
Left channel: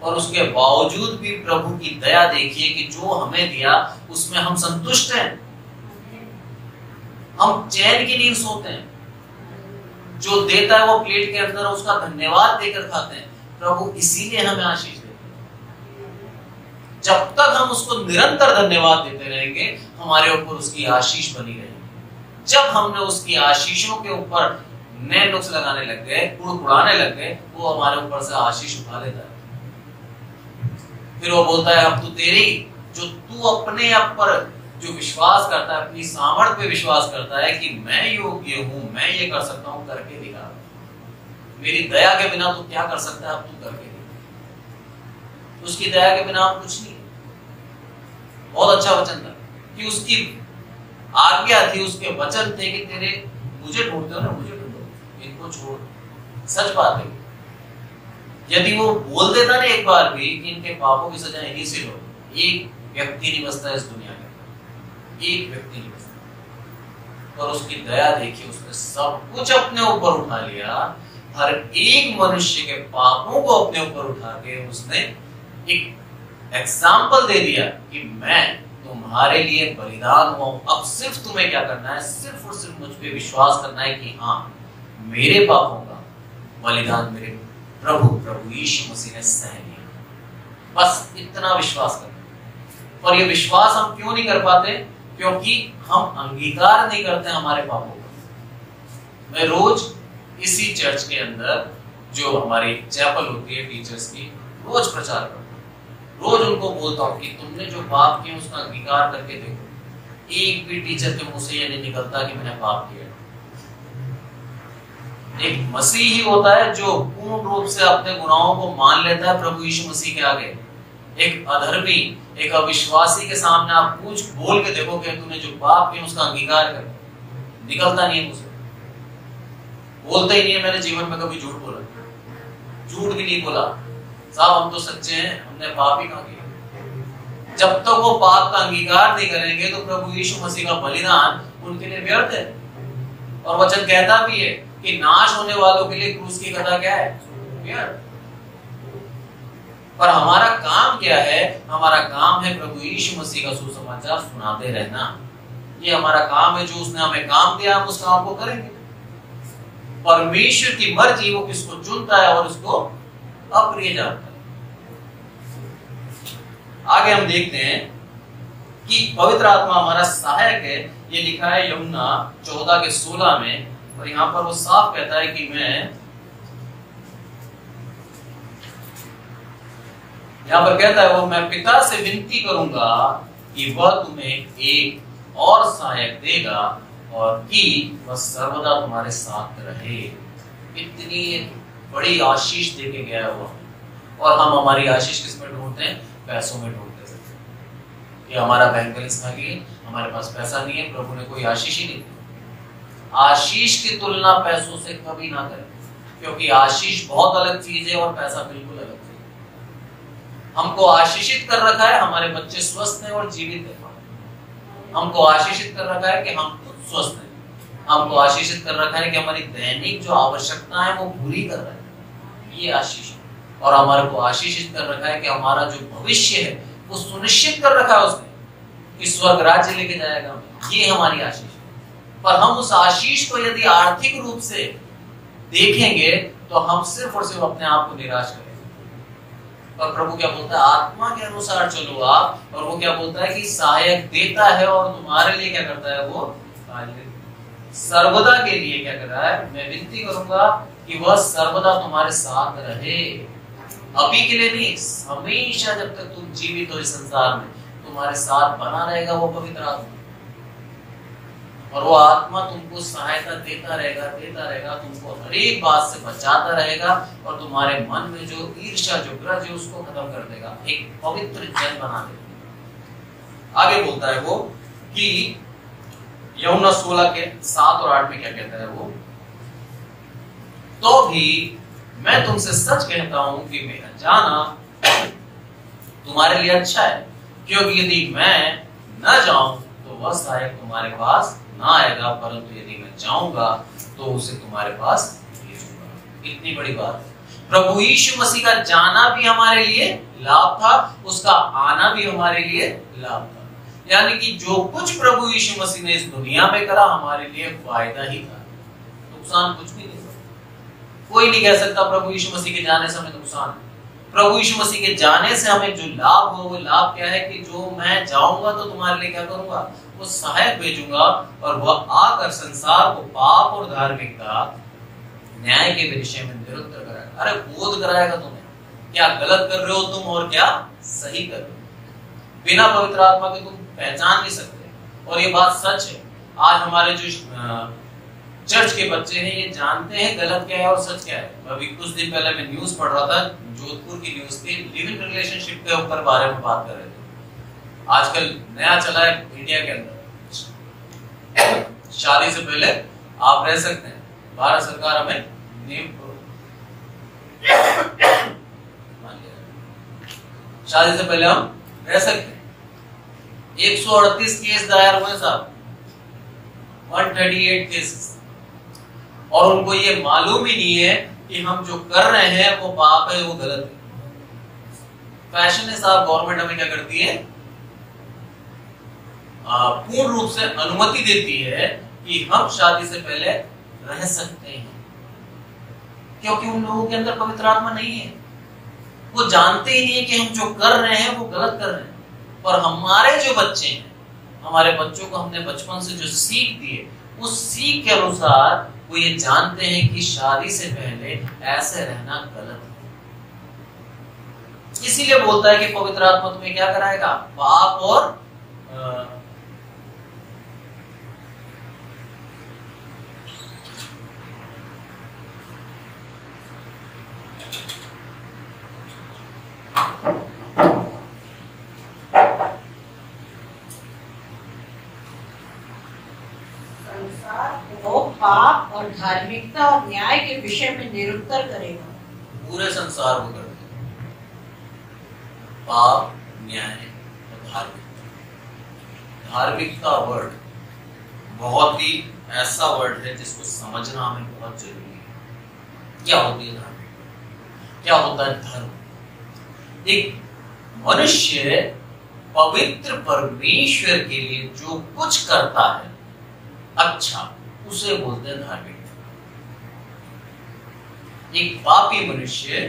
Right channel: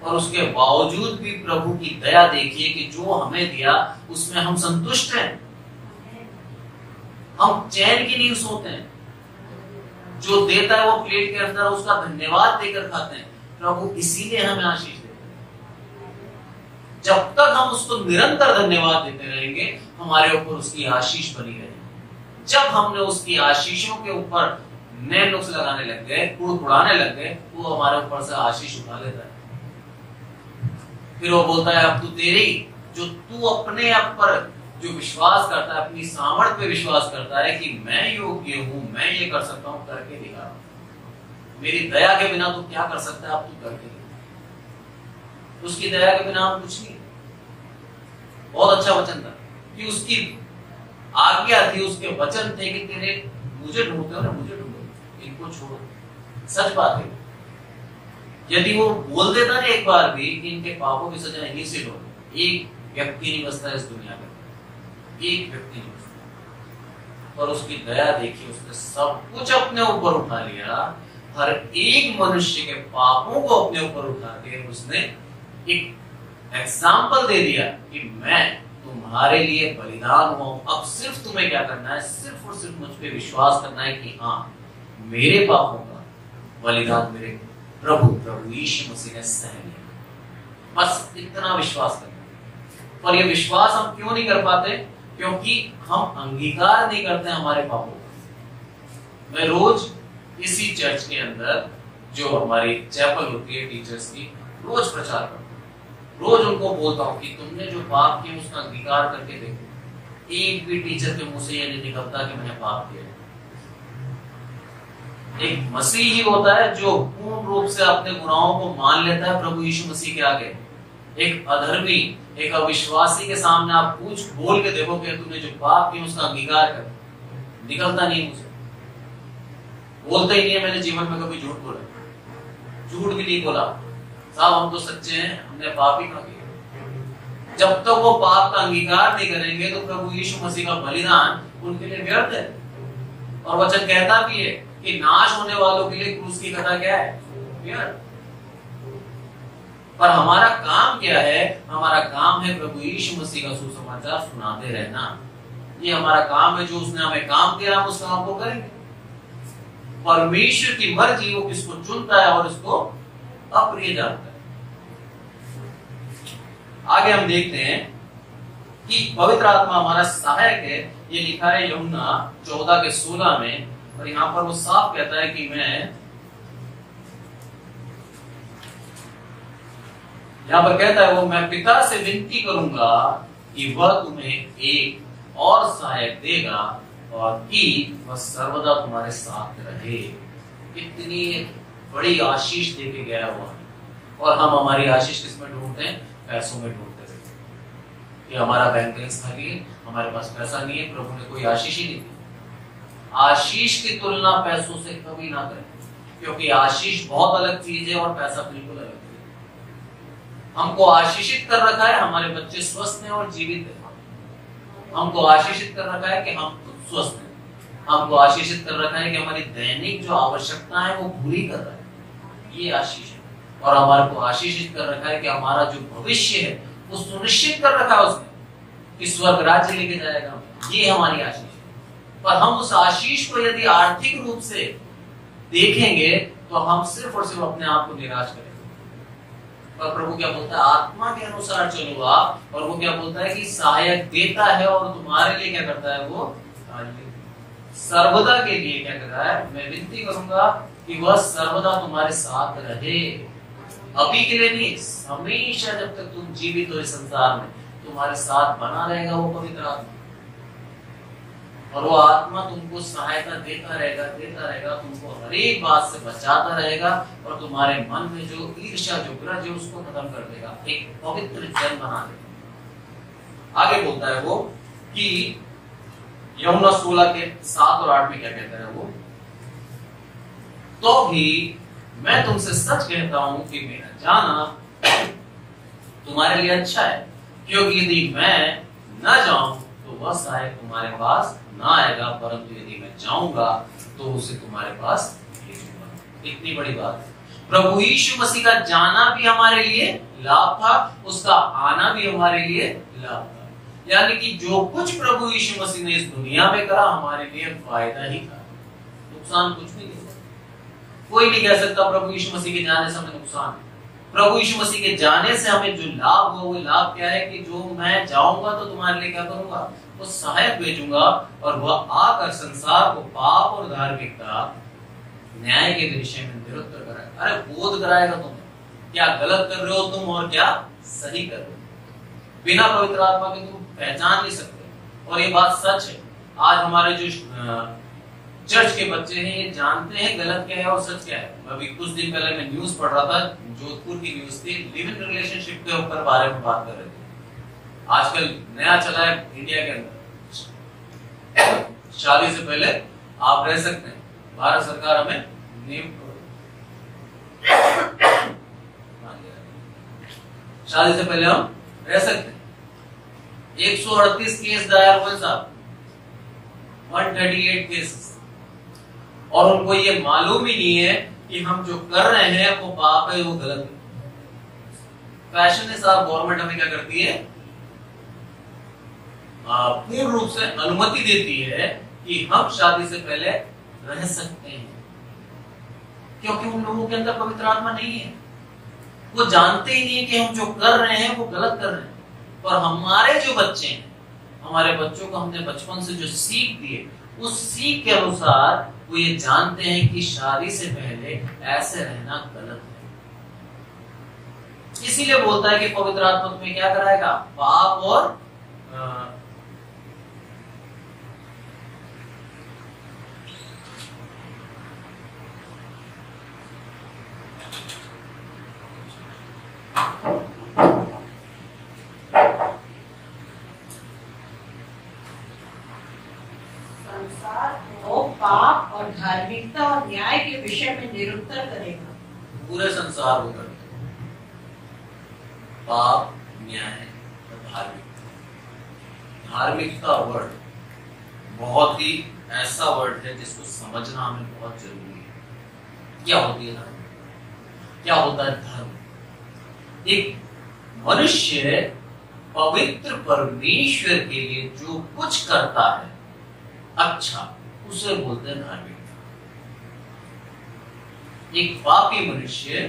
और उसके बावजूद भी प्रभु की दया देखिए कि जो हमें दिया उसमें हम संतुष्ट हैं। हम चैन की नींद सोते हैं। जो देता है वो प्लेट के अंदर उसका धन्यवाद देकर खाते हैं। प्रभु इसीलिए हमें आशीष देते हैं। जब तक हम उसको निरंतर धन्यवाद देते रहेंगे, हमारे ऊपर उसकी आशीष बनी रहेगी। जब हमने उसकी आशीषों के ऊपर नए नुक्स लगाने लग गए, कुड़कुड़ाने लग गए, वो हमारे ऊपर से आशीष उठा लेता है। फिर वो बोलता है अब तू तेरी, जो तू अपने आप पर जो विश्वास करता है, अपनी सामर्थ्य पे विश्वास करता है कि मैं योग्य हूं, मैं ये कर सकता हूं, करके दिखा। मेरी दया के बिना तू क्या कर सकता है, अब तू करके दिखा। उसकी दया के बिना हम कुछ नहीं। बहुत अच्छा वचन था कि उसकी आज्ञा थी, उसके वचन थे कि तेरे मुझे ढूंढते हो ना, मुझे ढूंढो, इनको छोड़। सच बात है। यदि वो बोल देता ना एक बार भी कि इनके पापों की सजा इन्हीं से लो, एक व्यक्ति नहीं बचता इस दुनिया में, एक व्यक्ति नहीं बचता। और उसकी दया देखिए, उसने सब कुछ अपने ऊपर उठा लिया। हर एक मनुष्य के पापों को अपने ऊपर उठा के उसने एक एग्जाम्पल दे दिया कि मैं तुम्हारे लिए बलिदान हुआ हूं। अब सिर्फ तुम्हें क्या करना है? सिर्फ और सिर्फ मुझ पे विश्वास करना है कि हाँ, मेरे पापों का बलिदान मेरे प्रभु यीशु मसीह ने सह लिया। बस इतना विश्वास करना। और ये विश्वास हम क्यों नहीं कर पाते? क्योंकि हम अंगीकार नहीं करते हमारे पापों को। मैं रोज इसी चर्च के अंदर जो हमारी चैपल होती है टीचर्स की, रोज प्रचार करता हूं। रोज उनको बोलता हूं कि तुमने जो पाप किया उसका अंगीकार करके देखो। एक भी टीचर के मुंह से ये नहीं निकलता कि मैंने पाप किया। एक मसीह ही होता है जो पूर्ण रूप से अपने गुनाहों को मान लेता है प्रभु यीशु मसीह के आगे। एक अधर्मी, एक अविश्वासी के सामने आप पूछ बोल के देखो कि तूने जो पाप किया उसका अंगीकार कर, निकलता नहीं है मुझसे। बोलता ही नहीं है मैंने जीवन में कभी झूठ बोला, झूठ भी नहीं बोला। साहब हम तो सच्चे हैं, हमने पाप ही कहाँ किया। जब तक वो पाप का अंगीकार नहीं करेंगे तो प्रभु यीशु मसीह का बलिदान उनके लिए व्यर्थ है। और वचन कहता भी है कि नाश होने वालों के लिए क्रूस की कथा क्या है? व्यर्थ। पर हमारा काम क्या है? हमारा काम है प्रभु यीशु मसीह का सुसमाचार सुनाते रहना। ये हमारा काम है। जो उसने हमें काम दिया हम उस काम को करेंगे। परमेश्वर की मर्जी वो किसको चुनता है और उसको अप्रिय जानता है। आगे हम देखते हैं कि पवित्र आत्मा हमारा सहायक है। ये लिखा है यूहन्ना 14:16 में। और यहां पर वो साफ कहता है कि यहां पर कहता है वो, मैं पिता से विनती करूंगा कि वह तुम्हें एक और सहायक देगा और कि वह सर्वदा तुम्हारे साथ रहे। इतनी बड़ी आशीष देके गया हुआ। और हम हमारी आशीष किसमें ढूंढते हैं? पैसों में ढूंढते हैं कि हमारा बैंक बैलेंस खाली है, हमारे पास पैसा नहीं है, प्रभु ने कोई आशीष ही नहीं दी। आशीष की तुलना पैसों से कभी ना करें, क्योंकि आशीष बहुत अलग चीज है और पैसा बिल्कुल अलग चीज है। हमको आशीषित कर रखा है, हमारे बच्चे स्वस्थ हैं और जीवित हैं। हमको आशीषित कर रखा है कि हम स्वस्थ हैं, हमको आशीषित कर रखा है कि हमारी दैनिक जो आवश्यकता है वो पूरी कर रहा है, ये आशीष है। और हमारे को आशीषित कर रखा है कि हमारा जो भविष्य है वो सुनिश्चित कर रखा है उसने कि स्वर्ग राज्य लेके जाएगा, ये हमारी आशीष है। पर हम उस आशीष को यदि आर्थिक रूप से देखेंगे तो हम सिर्फ और सिर्फ अपने आप को निराश करेंगे। और प्रभु क्या बोलता है, आत्मा के अनुसार चलो आप, और वो क्या बोलता है कि सहायक देता है और तुम्हारे लिए क्या करता है, वो सर्वदा के लिए क्या कर रहा है। मैं विनती करूंगा कि वह सर्वदा तुम्हारे साथ रहे, अभी के लिए नहीं, हमेशा जब तक तुम जीवित हो इस संसार में तुम्हारे साथ बना रहेगा वो पवित्र आत्मा। और वो आत्मा तुमको सहायता देता रहेगा, तुमको हर एक बात से बचाता रहेगा और तुम्हारे मन में जो ईर्ष्या, जो ग्रज है उसको खत्म कर देगा, एक पवित्र जन बना देगा। आगे बोलता है वो कि यूहन्ना 16 के 7 और 8 में क्या कहता है वो, तो भी मैं तुमसे सच कहता हूं कि मेरा जाना तुम्हारे लिए अच्छा है, क्योंकि यदि मैं न जाऊं तो वह सहायक तुम्हारे पास ना आएगा, परंतु यदि मैं जाऊंगा तो उसे तुम्हारे पास भेजूंगा। इतनी बड़ी बात है। प्रभु यीशु मसीह का जाना भी हमारे लिए लाभ था, उसका आना भी हमारे लिए लाभ था। यानी कि जो कुछ प्रभु यीशु मसीह ने इस दुनिया में करा हमारे लिए फायदा ही था, नुकसान कुछ नहीं था। कोई नहीं कह सकता प्रभु यीशु मसीह के जाने से हमें नुकसान है। प्रभु यीशु मसीह के जाने से हमें जो लाभ हो, वो लाभ क्या है कि जो मैं जाऊंगा तो तुम्हारे लिए क्या करूंगा, वो सहायक भेजूंगा और वह आकर संसार को पाप और धार्मिकता, न्याय के विषय में निरुत्तर कराएगा। अरे बोध कराएगा तुम्हें, क्या गलत कर रहे हो तुम और क्या सही कर रहे हो। बिना पवित्र आत्मा के तुम पहचान नहीं सकते। और ये बात सच है। आज हमारे जो चर्च के बच्चे हैं ये जानते हैं गलत क्या है और सच क्या है। अभी कुछ दिन पहले मैं न्यूज पढ़ रहा था, जोधपुर की न्यूज थी, लिव इन रिलेशनशिप के ऊपर बारे में बात कर रहे थे। आजकल नया चला है इंडिया के अंदर, शादी से पहले आप रह सकते हैं, भारत सरकार हमें शादी से पहले हम रह सकते हैं। 138 केस दायर हुए साहब, 138 केसेस, और उनको ये मालूम ही नहीं है कि हम जो कर रहे हैं वो पाप है, वो गलत है। फैशन है साहब, गवर्नमेंट हमें क्या करती है, पूर्ण रूप से अनुमति देती है कि हम शादी से पहले रह सकते हैं, क्योंकि उन लोगों के अंदर पवित्र आत्मा नहीं है। वो जानते ही नहीं है कि हम जो कर रहे हैं वो गलत कर रहे हैं। और हमारे जो बच्चे हैं, हमारे बच्चों को हमने बचपन से जो सीख दी है, उस सीख के अनुसार वो ये जानते हैं कि शादी से पहले ऐसे रहना गलत है। इसीलिए बोलता है कि पवित्र आत्मा तुम्हें क्या कराएगा, पाप और पाप और धार्मिकता और न्याय के विषय में निरुत्तर करेगा। पूरे संसार को करते पाप, न्याय और धार्मिकता। धार्मिकता वर्ड बहुत ही ऐसा वर्ड है जिसको समझना हमें बहुत जरूरी है। क्या होती है धार्मिकता, क्या होता है धर्म। एक मनुष्य पवित्र परमेश्वर के लिए जो कुछ करता है अच्छा, उसे बोलते हैं धार्मिक। एक पापी मनुष्य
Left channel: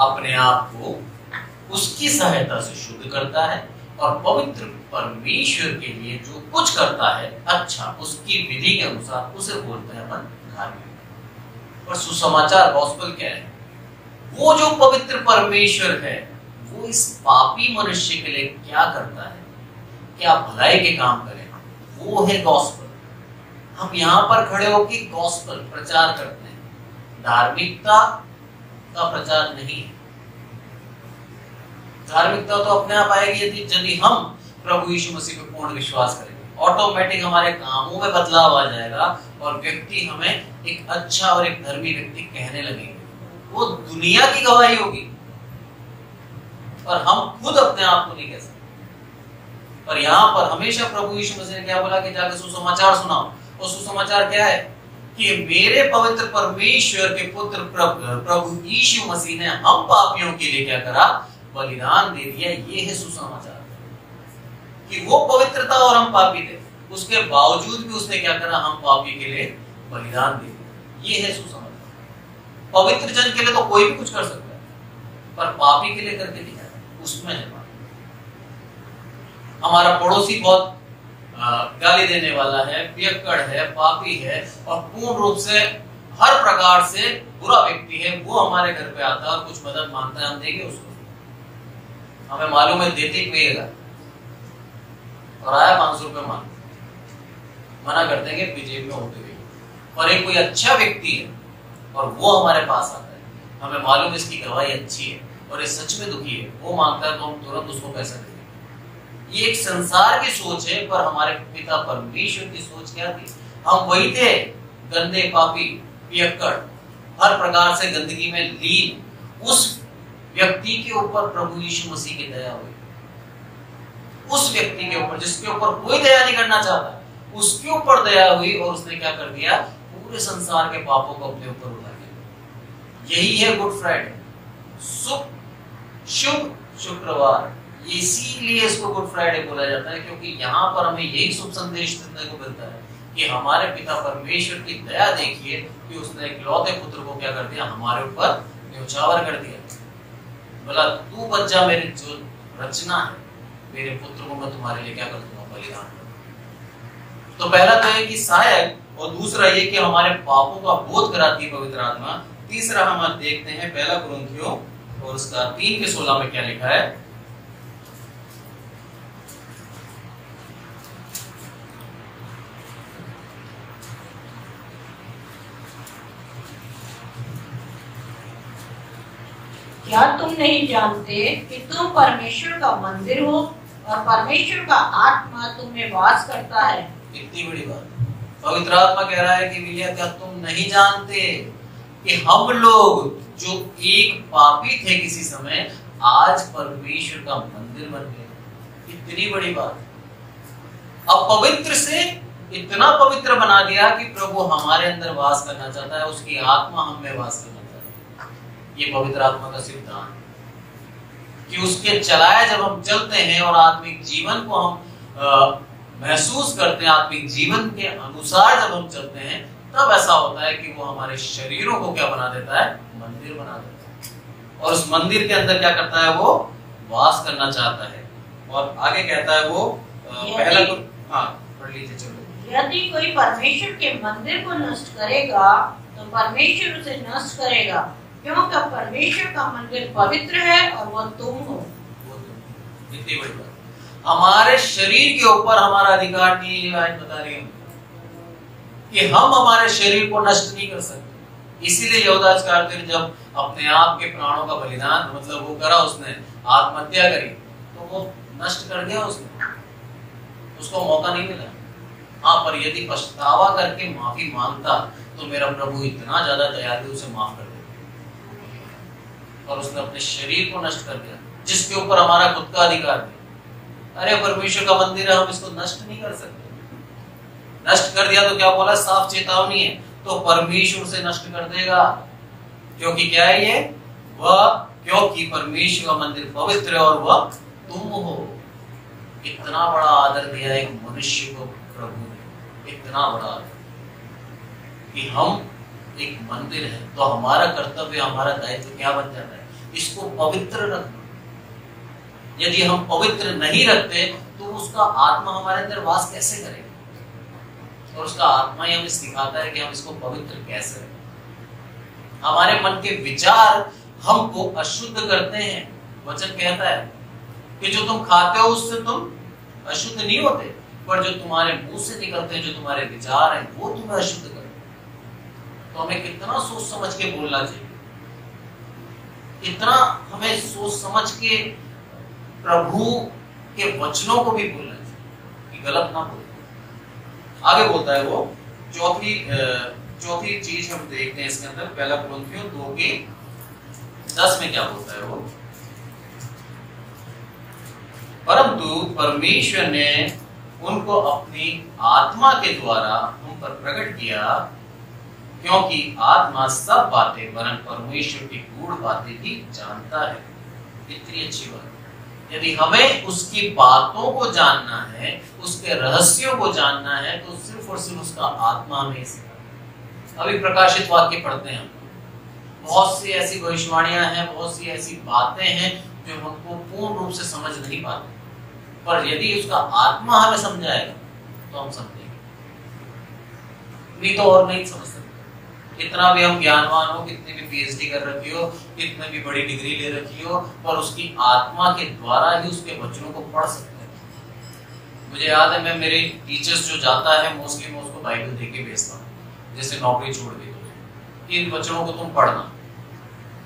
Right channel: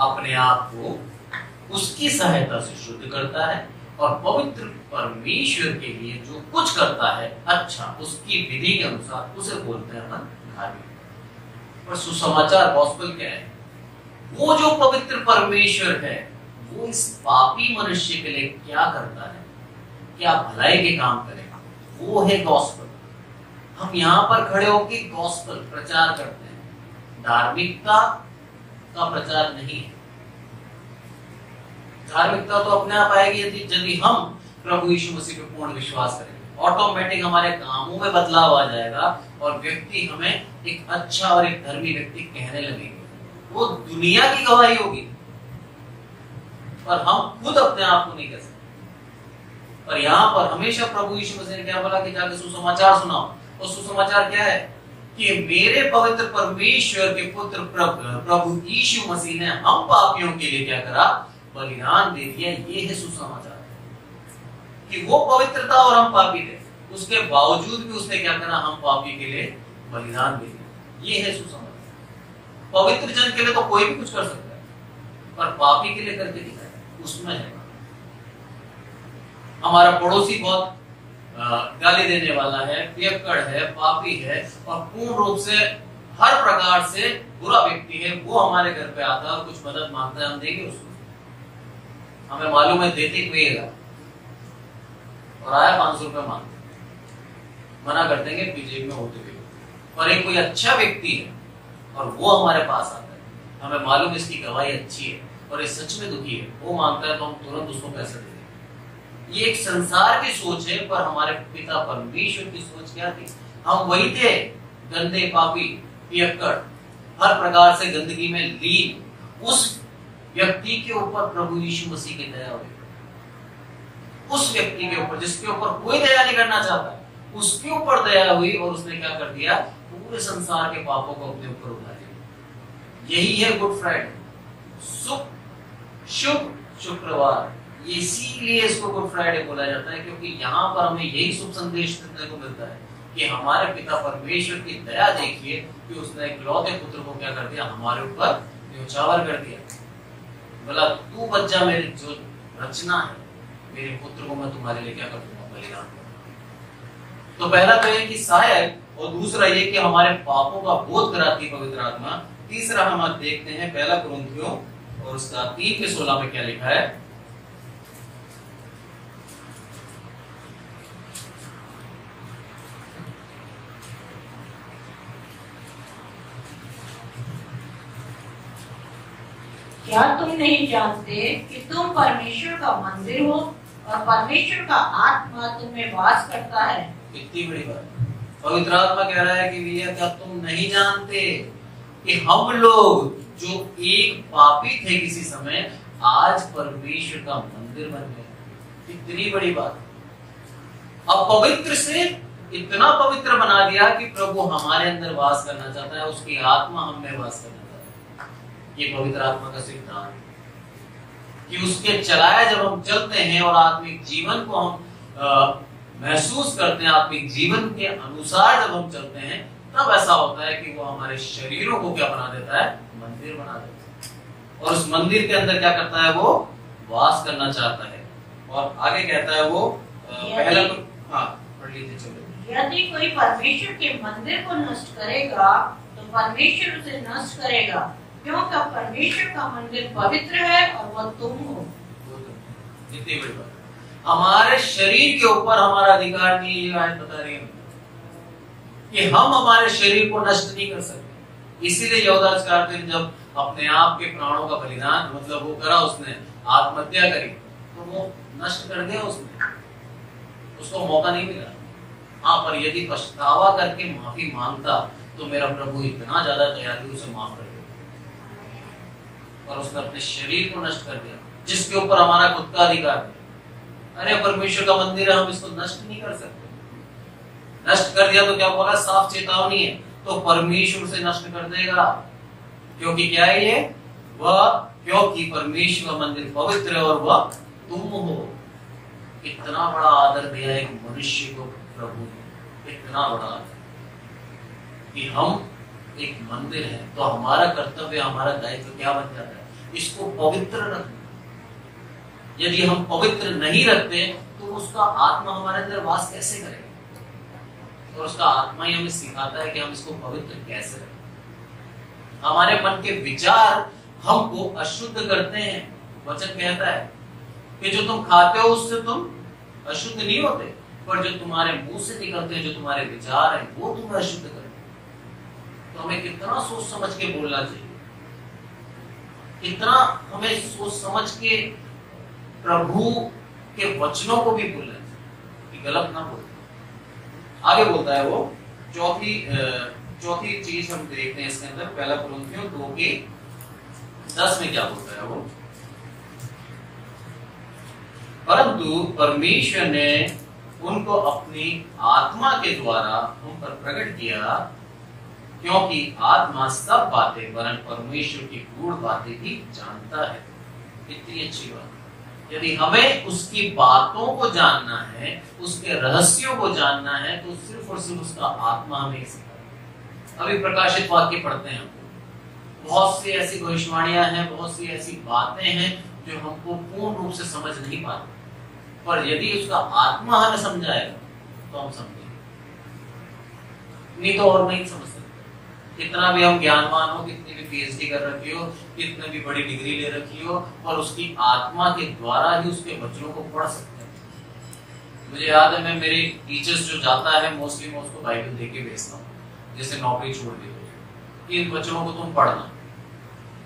अपने आप को उसकी सहायता से शुद्ध करता है और पवित्र परमेश्वर के लिए जो कुछ करता है अच्छा, उसकी विधि के अनुसार उसे बोलते हैं धार्मिक। और सुसमाचार गॉस्पेल क्या है, वो जो पवित्र परमेश्वर है वो इस पापी मनुष्य के लिए क्या करता है, क्या भलाई के काम करेगा, वो है गॉस्पेल। हम यहाँ पर खड़े होकर गॉस्पेल प्रचार करते हैं, धार्मिकता का प्रचार नहीं है। धार्मिकता तो अपने आप आएगी यदि हम प्रभु यीशु मसीह पे पूर्ण विश्वास करेंगे। ऑटोमेटिक हमारे कामों में बदलाव आ जाएगा और व्यक्ति हमें एक अच्छा और एक धर्मी व्यक्ति कहने लगेंगे। वो दुनिया की गवाही होगी पर हम खुद अपने आप को नहीं कह सकते। पर यहाँ पर हमेशा प्रभु यीशु मसीह ने क्या बोला कि जाके सुसमाचार सुनाओ। और सुसमाचार क्या है कि मेरे पवित्र परमेश्वर के पुत्र प्रभु यीशु मसीह ने हम पापियों के लिए क्या करा, बलिदान दे दिया। ये है सुसमाचार कि वो पवित्रता और हम पापी थे, उसके बावजूद भी उसने क्या करा, हम पापी के लिए बलिदान दे दिया। ये है सुसमाचार। पवित्र जन के लिए तो कोई भी कुछ कर सकता है, पर पापी के लिए करके दिखाया, उसमें है। हमारा पड़ोसी बहुत गाली देने वाला है, पियक्कड़ है, पापी है और पूर्ण रूप से हर प्रकार से बुरा व्यक्ति है, वो हमारे घर पे आता है और कुछ मदद मांगता है, हम देंगे उसको। हमें मालूम है देते पिएगा, और आया 500 रुपए मांगते, मना कर देंगे जेब में होते हुए। और एक कोई अच्छा व्यक्ति है और वो हमारे पास आता है, हमें मालूम है इसकी गवाही अच्छी है और ये सच में दुखी है, वो मांगता है तो हम तुरंत उसको पैसा देंगे। ये एक संसार की सोच है, पर हमारे पिता परमेश्वर की सोच क्या थी? हम वही थे, गंदे, पापी, पियक्कड़, हर प्रकार से गंदगी में लीन। उस व्यक्ति के ऊपर प्रभु यीशु मसीह की दया हुई, उस व्यक्ति के ऊपर जिसके ऊपर कोई दया नहीं करना चाहता, उसके ऊपर दया हुई और उसने क्या कर दिया, पूरे संसार के पापों को अपने ऊपर उठा लिया। यही है गुड फ्राइडे, शुभ शुक्रवार। इसीलिए इसको गुड फ्राइडे बोला जाता है, क्योंकि यहाँ पर हमें यही शुभ संदेश देने को मिलता है कि हमारे पिता परमेश्वर की दया देखिए कि उसने इकलौते पुत्र को क्या कर दिया, हमारे ऊपर न्योछावर कर दिया। बोला तू बच जा, मेरी जो रचना है, मेरे पुत्र को मैं तुम्हारे लिए क्या कर दूंगा, बलिदान करूंगा। तो पहला तो है कि सहायक, और दूसरा ये कि हमारे पापों का बोध कराती है पवित्र आत्मा। तीसरा हम देखते हैं पहला कुरिन्थियों और उसका 3:16 में क्या लिखा है। क्या तुम नहीं जानते कि तुम परमेश्वर का मंदिर हो और परमेश्वर का आत्मा तुम में वास करता है? इतनी बड़ी बात पवित्र आत्मा कह रहा है कि भैया क्या तुम नहीं जानते कि हम लोग जो एक पापी थे किसी समय, आज परमेश्वर का मंदिर बन गए। इतनी बड़ी बात। अब पवित्र से इतना पवित्र बना दिया कि प्रभु हमारे अंदर वास करना चाहता है, उसकी आत्मा हम में वास करना चाहता है। ये पवित्र आत्मा का सिद्धांत कि उसके चलाए जब हम चलते हैं और आत्मिक जीवन को हम महसूस करते हैं, आत्मिक जीवन के अनुसार जब हम चलते हैं, तब ऐसा होता है कि वो हमारे शरीरों को क्या बना देता है, मंदिर बना देता है। और उस मंदिर के अंदर क्या करता है, वो वास करना चाहता है। और आगे कहता है वो पहला, पढ़ लीजिए चलो। यदि कोई परमेश्वर के मंदिर को नष्ट करेगा तो परमेश्वर उसे नष्ट करेगा, क्योंकि परमेश्वर का मंदिर पवित्र है और वो तुम हो। इतनी बड़ी बात। हमारे शरीर के ऊपर हमारा अधिकार नहीं है। आज बता रही हूँ कि हम हमारे शरीर को नष्ट नहीं कर सकते। इसीलिए यहूदा इस्करियोती ने जब अपने आप के प्राणों का बलिदान मतलब वो करा, उसने आत्महत्या करी, तो वो नष्ट कर दिया, उसको मौका नहीं मिला। हाँ, पर यदि पछतावा करके माफी मांगता तो मेरा प्रभु इतना ज्यादा दयालु उसे माफ कर देता। और उसने अपने शरीर को नष्ट कर दिया जिसके ऊपर हमारा खुद का अधिकार है। अरे परमेश्वर का मंदिर है, हम इसको नष्ट नहीं कर सकते। नष्ट कर दिया तो क्या बोला, साफ चेतावनी है, तो परमेश्वर उसे नष्ट कर देगा। क्योंकि क्या है ये, वह क्योंकि परमेश्वर का मंदिर पवित्र है और वह तुम हो। इतना बड़ा आदर दिया एक मनुष्य को प्रभु ने, इतना बड़ा आदर कि हम एक मंदिर है, तो हमारा कर्तव्य, हमारा दायित्व क्या बन जाता है, इसको पवित्र रखना। यदि हम पवित्र नहीं रखते तो उसका आत्मा हमारे अंदर वास कैसे करेगा? और उसका आत्मा ही हमें सिखाता है कि हम इसको पवित्र कैसे रखें। हमारे मन के विचार हमको अशुद्ध करते हैं। वचन कहता है कि जो तुम खाते हो उससे तुम अशुद्ध नहीं होते, पर जो तुम्हारे मुंह से निकलते हैं, जो तुम्हारे विचार हैं, वो तुम्हें अशुद्ध करते हैं। तो हमें कितना सोच समझ के बोलना चाहिए, इतना हमें सोच समझ के प्रभु के वचनों को भी बोलना चाहिए कि गलत ना बोले। आगे बोलता है वो चौथी चीज हम देखते हैं इसके अंदर, पहला कुरिन्थियों 2:10 में क्या बोलता है वो, परंतु परमेश्वर ने उनको अपनी आत्मा के द्वारा हम पर प्रकट किया, क्योंकि आत्मा सब बातें वरन परमेश्वर की गूढ़ बातें भी जानता है। इतनी अच्छी बात। यदि हमें उसकी बातों को जानना है, उसके रहस्यों को जानना है, तो सिर्फ और सिर्फ उसका आत्मा हमें सिखाता। अभी प्रकाशित वाक्य पढ़ते हैं, बहुत सी ऐसी भविष्यवाणियां हैं, बहुत सी ऐसी बातें हैं जो हमको पूर्ण रूप से समझ नहीं पाते, पर यदि उसका आत्मा हमें समझाएगा तो हम समझेंगे, नहीं तो और नहीं समझ सकते। कितना भी हम ज्ञानवान हो, कितनी भी पीएचडी कर रखी हो, कितने भी बड़ी डिग्री ले रखी हो, पर उसकी आत्मा के द्वारा ही उसके वचनों को पढ़ सकते हैं। मुझे याद है, मैं मेरे टीचर्स जो जाता है मोस्टली मैं उसको बाइबल दे के भेजता हूँ, जैसे नौकरी छोड़ दी तो इन वचनों को तुम पढ़ना।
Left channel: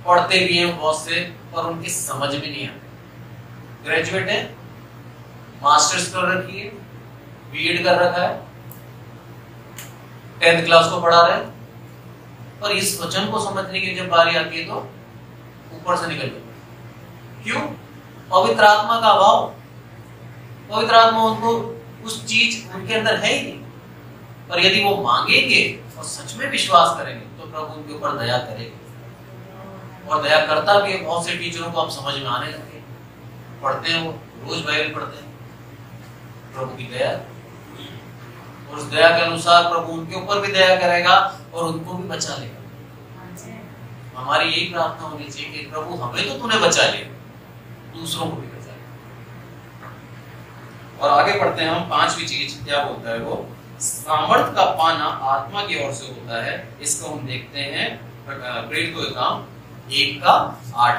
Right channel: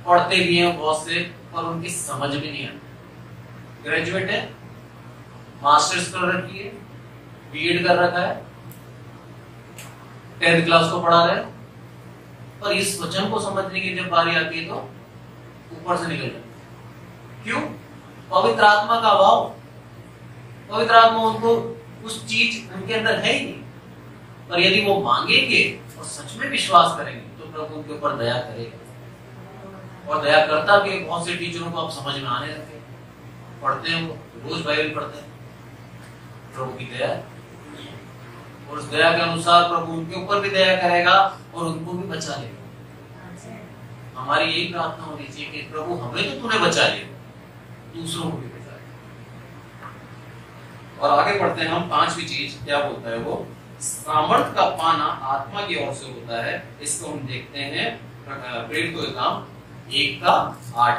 पढ़ते भी हैं बहुत से, पर उनकी समझ भी नहीं आती। ग्रेजुएट है, मास्टर्स कर रखी है, बीएड कर रखा है, 10th क्लास को पढ़ा रहे हैं, पर इस वचन को समझने की जब बारी आती है तो ऊपर से निकल जाता है। क्यों? पवित्र आत्मा का अभाव। पवित्र आत्मा उनको उस चीज उनके अंदर है ही नहीं। पर यदि वो मांगेंगे और सच में विश्वास करेंगे तो प्रभु उनके ऊपर दया करेगा, और दया करता भी है। बहुत से टीचरों को अब समझ में आने लगे, पढ़ते हैं, वो रोज बाइबल पढ़ते हैं। प्रभु की दया, और उस दया के अनुसार प्रभु उनके ऊपर भी दया करेगा और उनको भी बचा लेगा। हमारी यही प्रार्थना होनी चाहिए कि प्रभु हमें तो तूने बचा लिया, दूसरों को भी बचा लिया। और आगे बढ़ते हैं हम। 5वीं चीज क्या बोलता है वो? सामर्थ का पाना आत्मा की ओर से होता है। इसको हम देखते हैं प्रेरित को काम 1:8।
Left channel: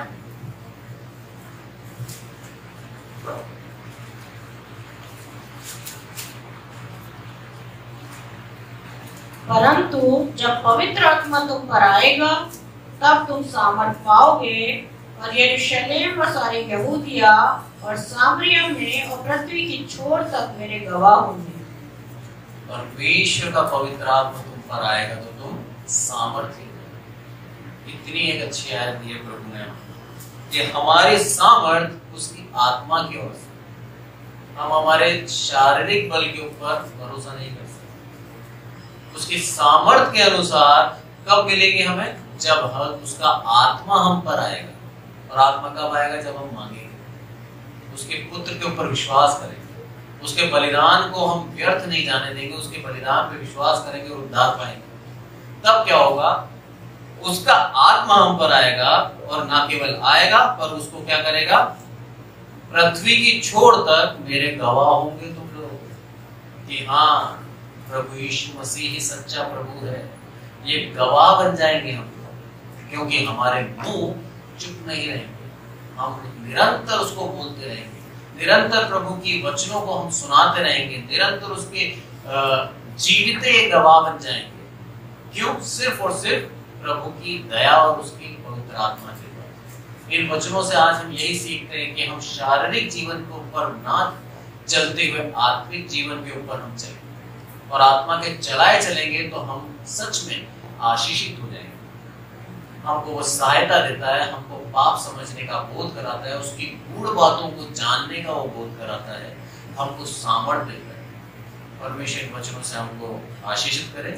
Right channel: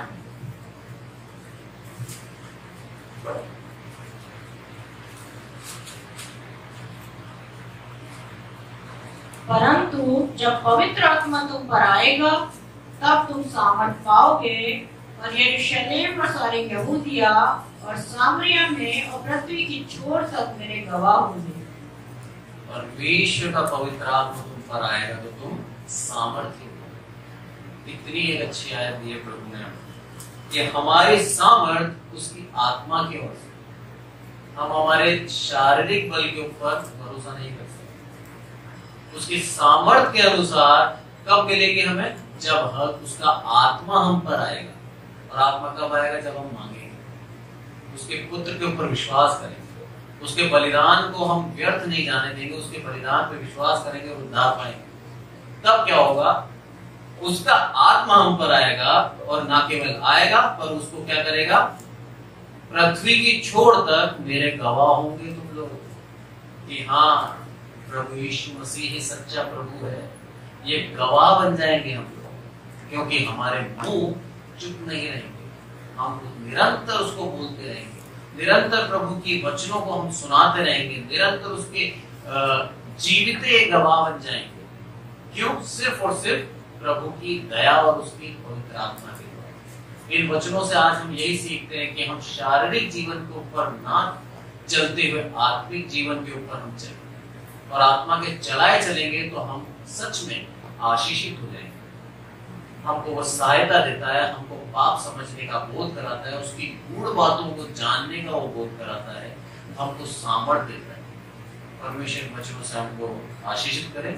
परंतु जब पवित्र आत्मा तुम पर आएगा तब तुम सामर्थ पाओगे, और यरूशलेम और सारी यहूदिया और सामरिया में और पृथ्वी की छोर तक मेरे गवाह होंगे। परमेश्वर का पवित्र आत्मा तुम पर आएगा तो तुम सामर्थ्य। इतनी एक अच्छी आयत दी है प्रभु ने कि हमारे सामर्थ उसकी आत्मा की ओर से। हम हमारे शारीरिक बल के ऊपर भरोसा नहीं कर सकते। उसकी सामर्थ के अनुसार कब मिलेगी हमें? जब उसका आत्मा हम पर आएगा। और आत्मा कब आएगा? जब हम मांगेंगे, उसके पुत्र के ऊपर विश्वास करेंगे, उसके बलिदान को हम व्यर्थ नहीं जाने देंगे, उसके बलिदान पे विश्वास करेंगे और उद्धार पाएंगे। तब क्या होगा? उसका आत्मा हम पर आएगा, और ना केवल आएगा पर उसको क्या करेगा? पृथ्वी की छोर तक मेरे गवाह होंगे तुम लोग कि हाँ, प्रभु यीशु मसीह ही सच्चा प्रभु है। ये गवाह बन जाएंगे हम, क्योंकि हमारे मुंह चुप नहीं रहेंगे। हम निरंतर उसको बोलते रहेंगे, निरंतर प्रभु की वचनों को हम सुनाते रहेंगे, निरंतर उसके जीविते गवाह बन जाएंगे। क्यों? सिर्फ और सिर्फ प्रभु की दया और उसकी पवित्र आत्मा के द्वारा। इन वचनों से आज हम यही सीखते हैं कि हम शारीरिक जीवन के ऊपर ना चलते हुए आत्मिक जीवन के ऊपर हम चलें, और आत्मा के चलाए चलेंगे तो हम सच में आशीषित हो जाएंगे। हमको वो सहायता देता है, हमको पाप समझने का बोध कराता है, उसकी गूढ़ बातों को जानने का वो बोध कराता है, हमको सामर्थ्य देता है। परमेश्वर वचनों से हमको आशीषित करे।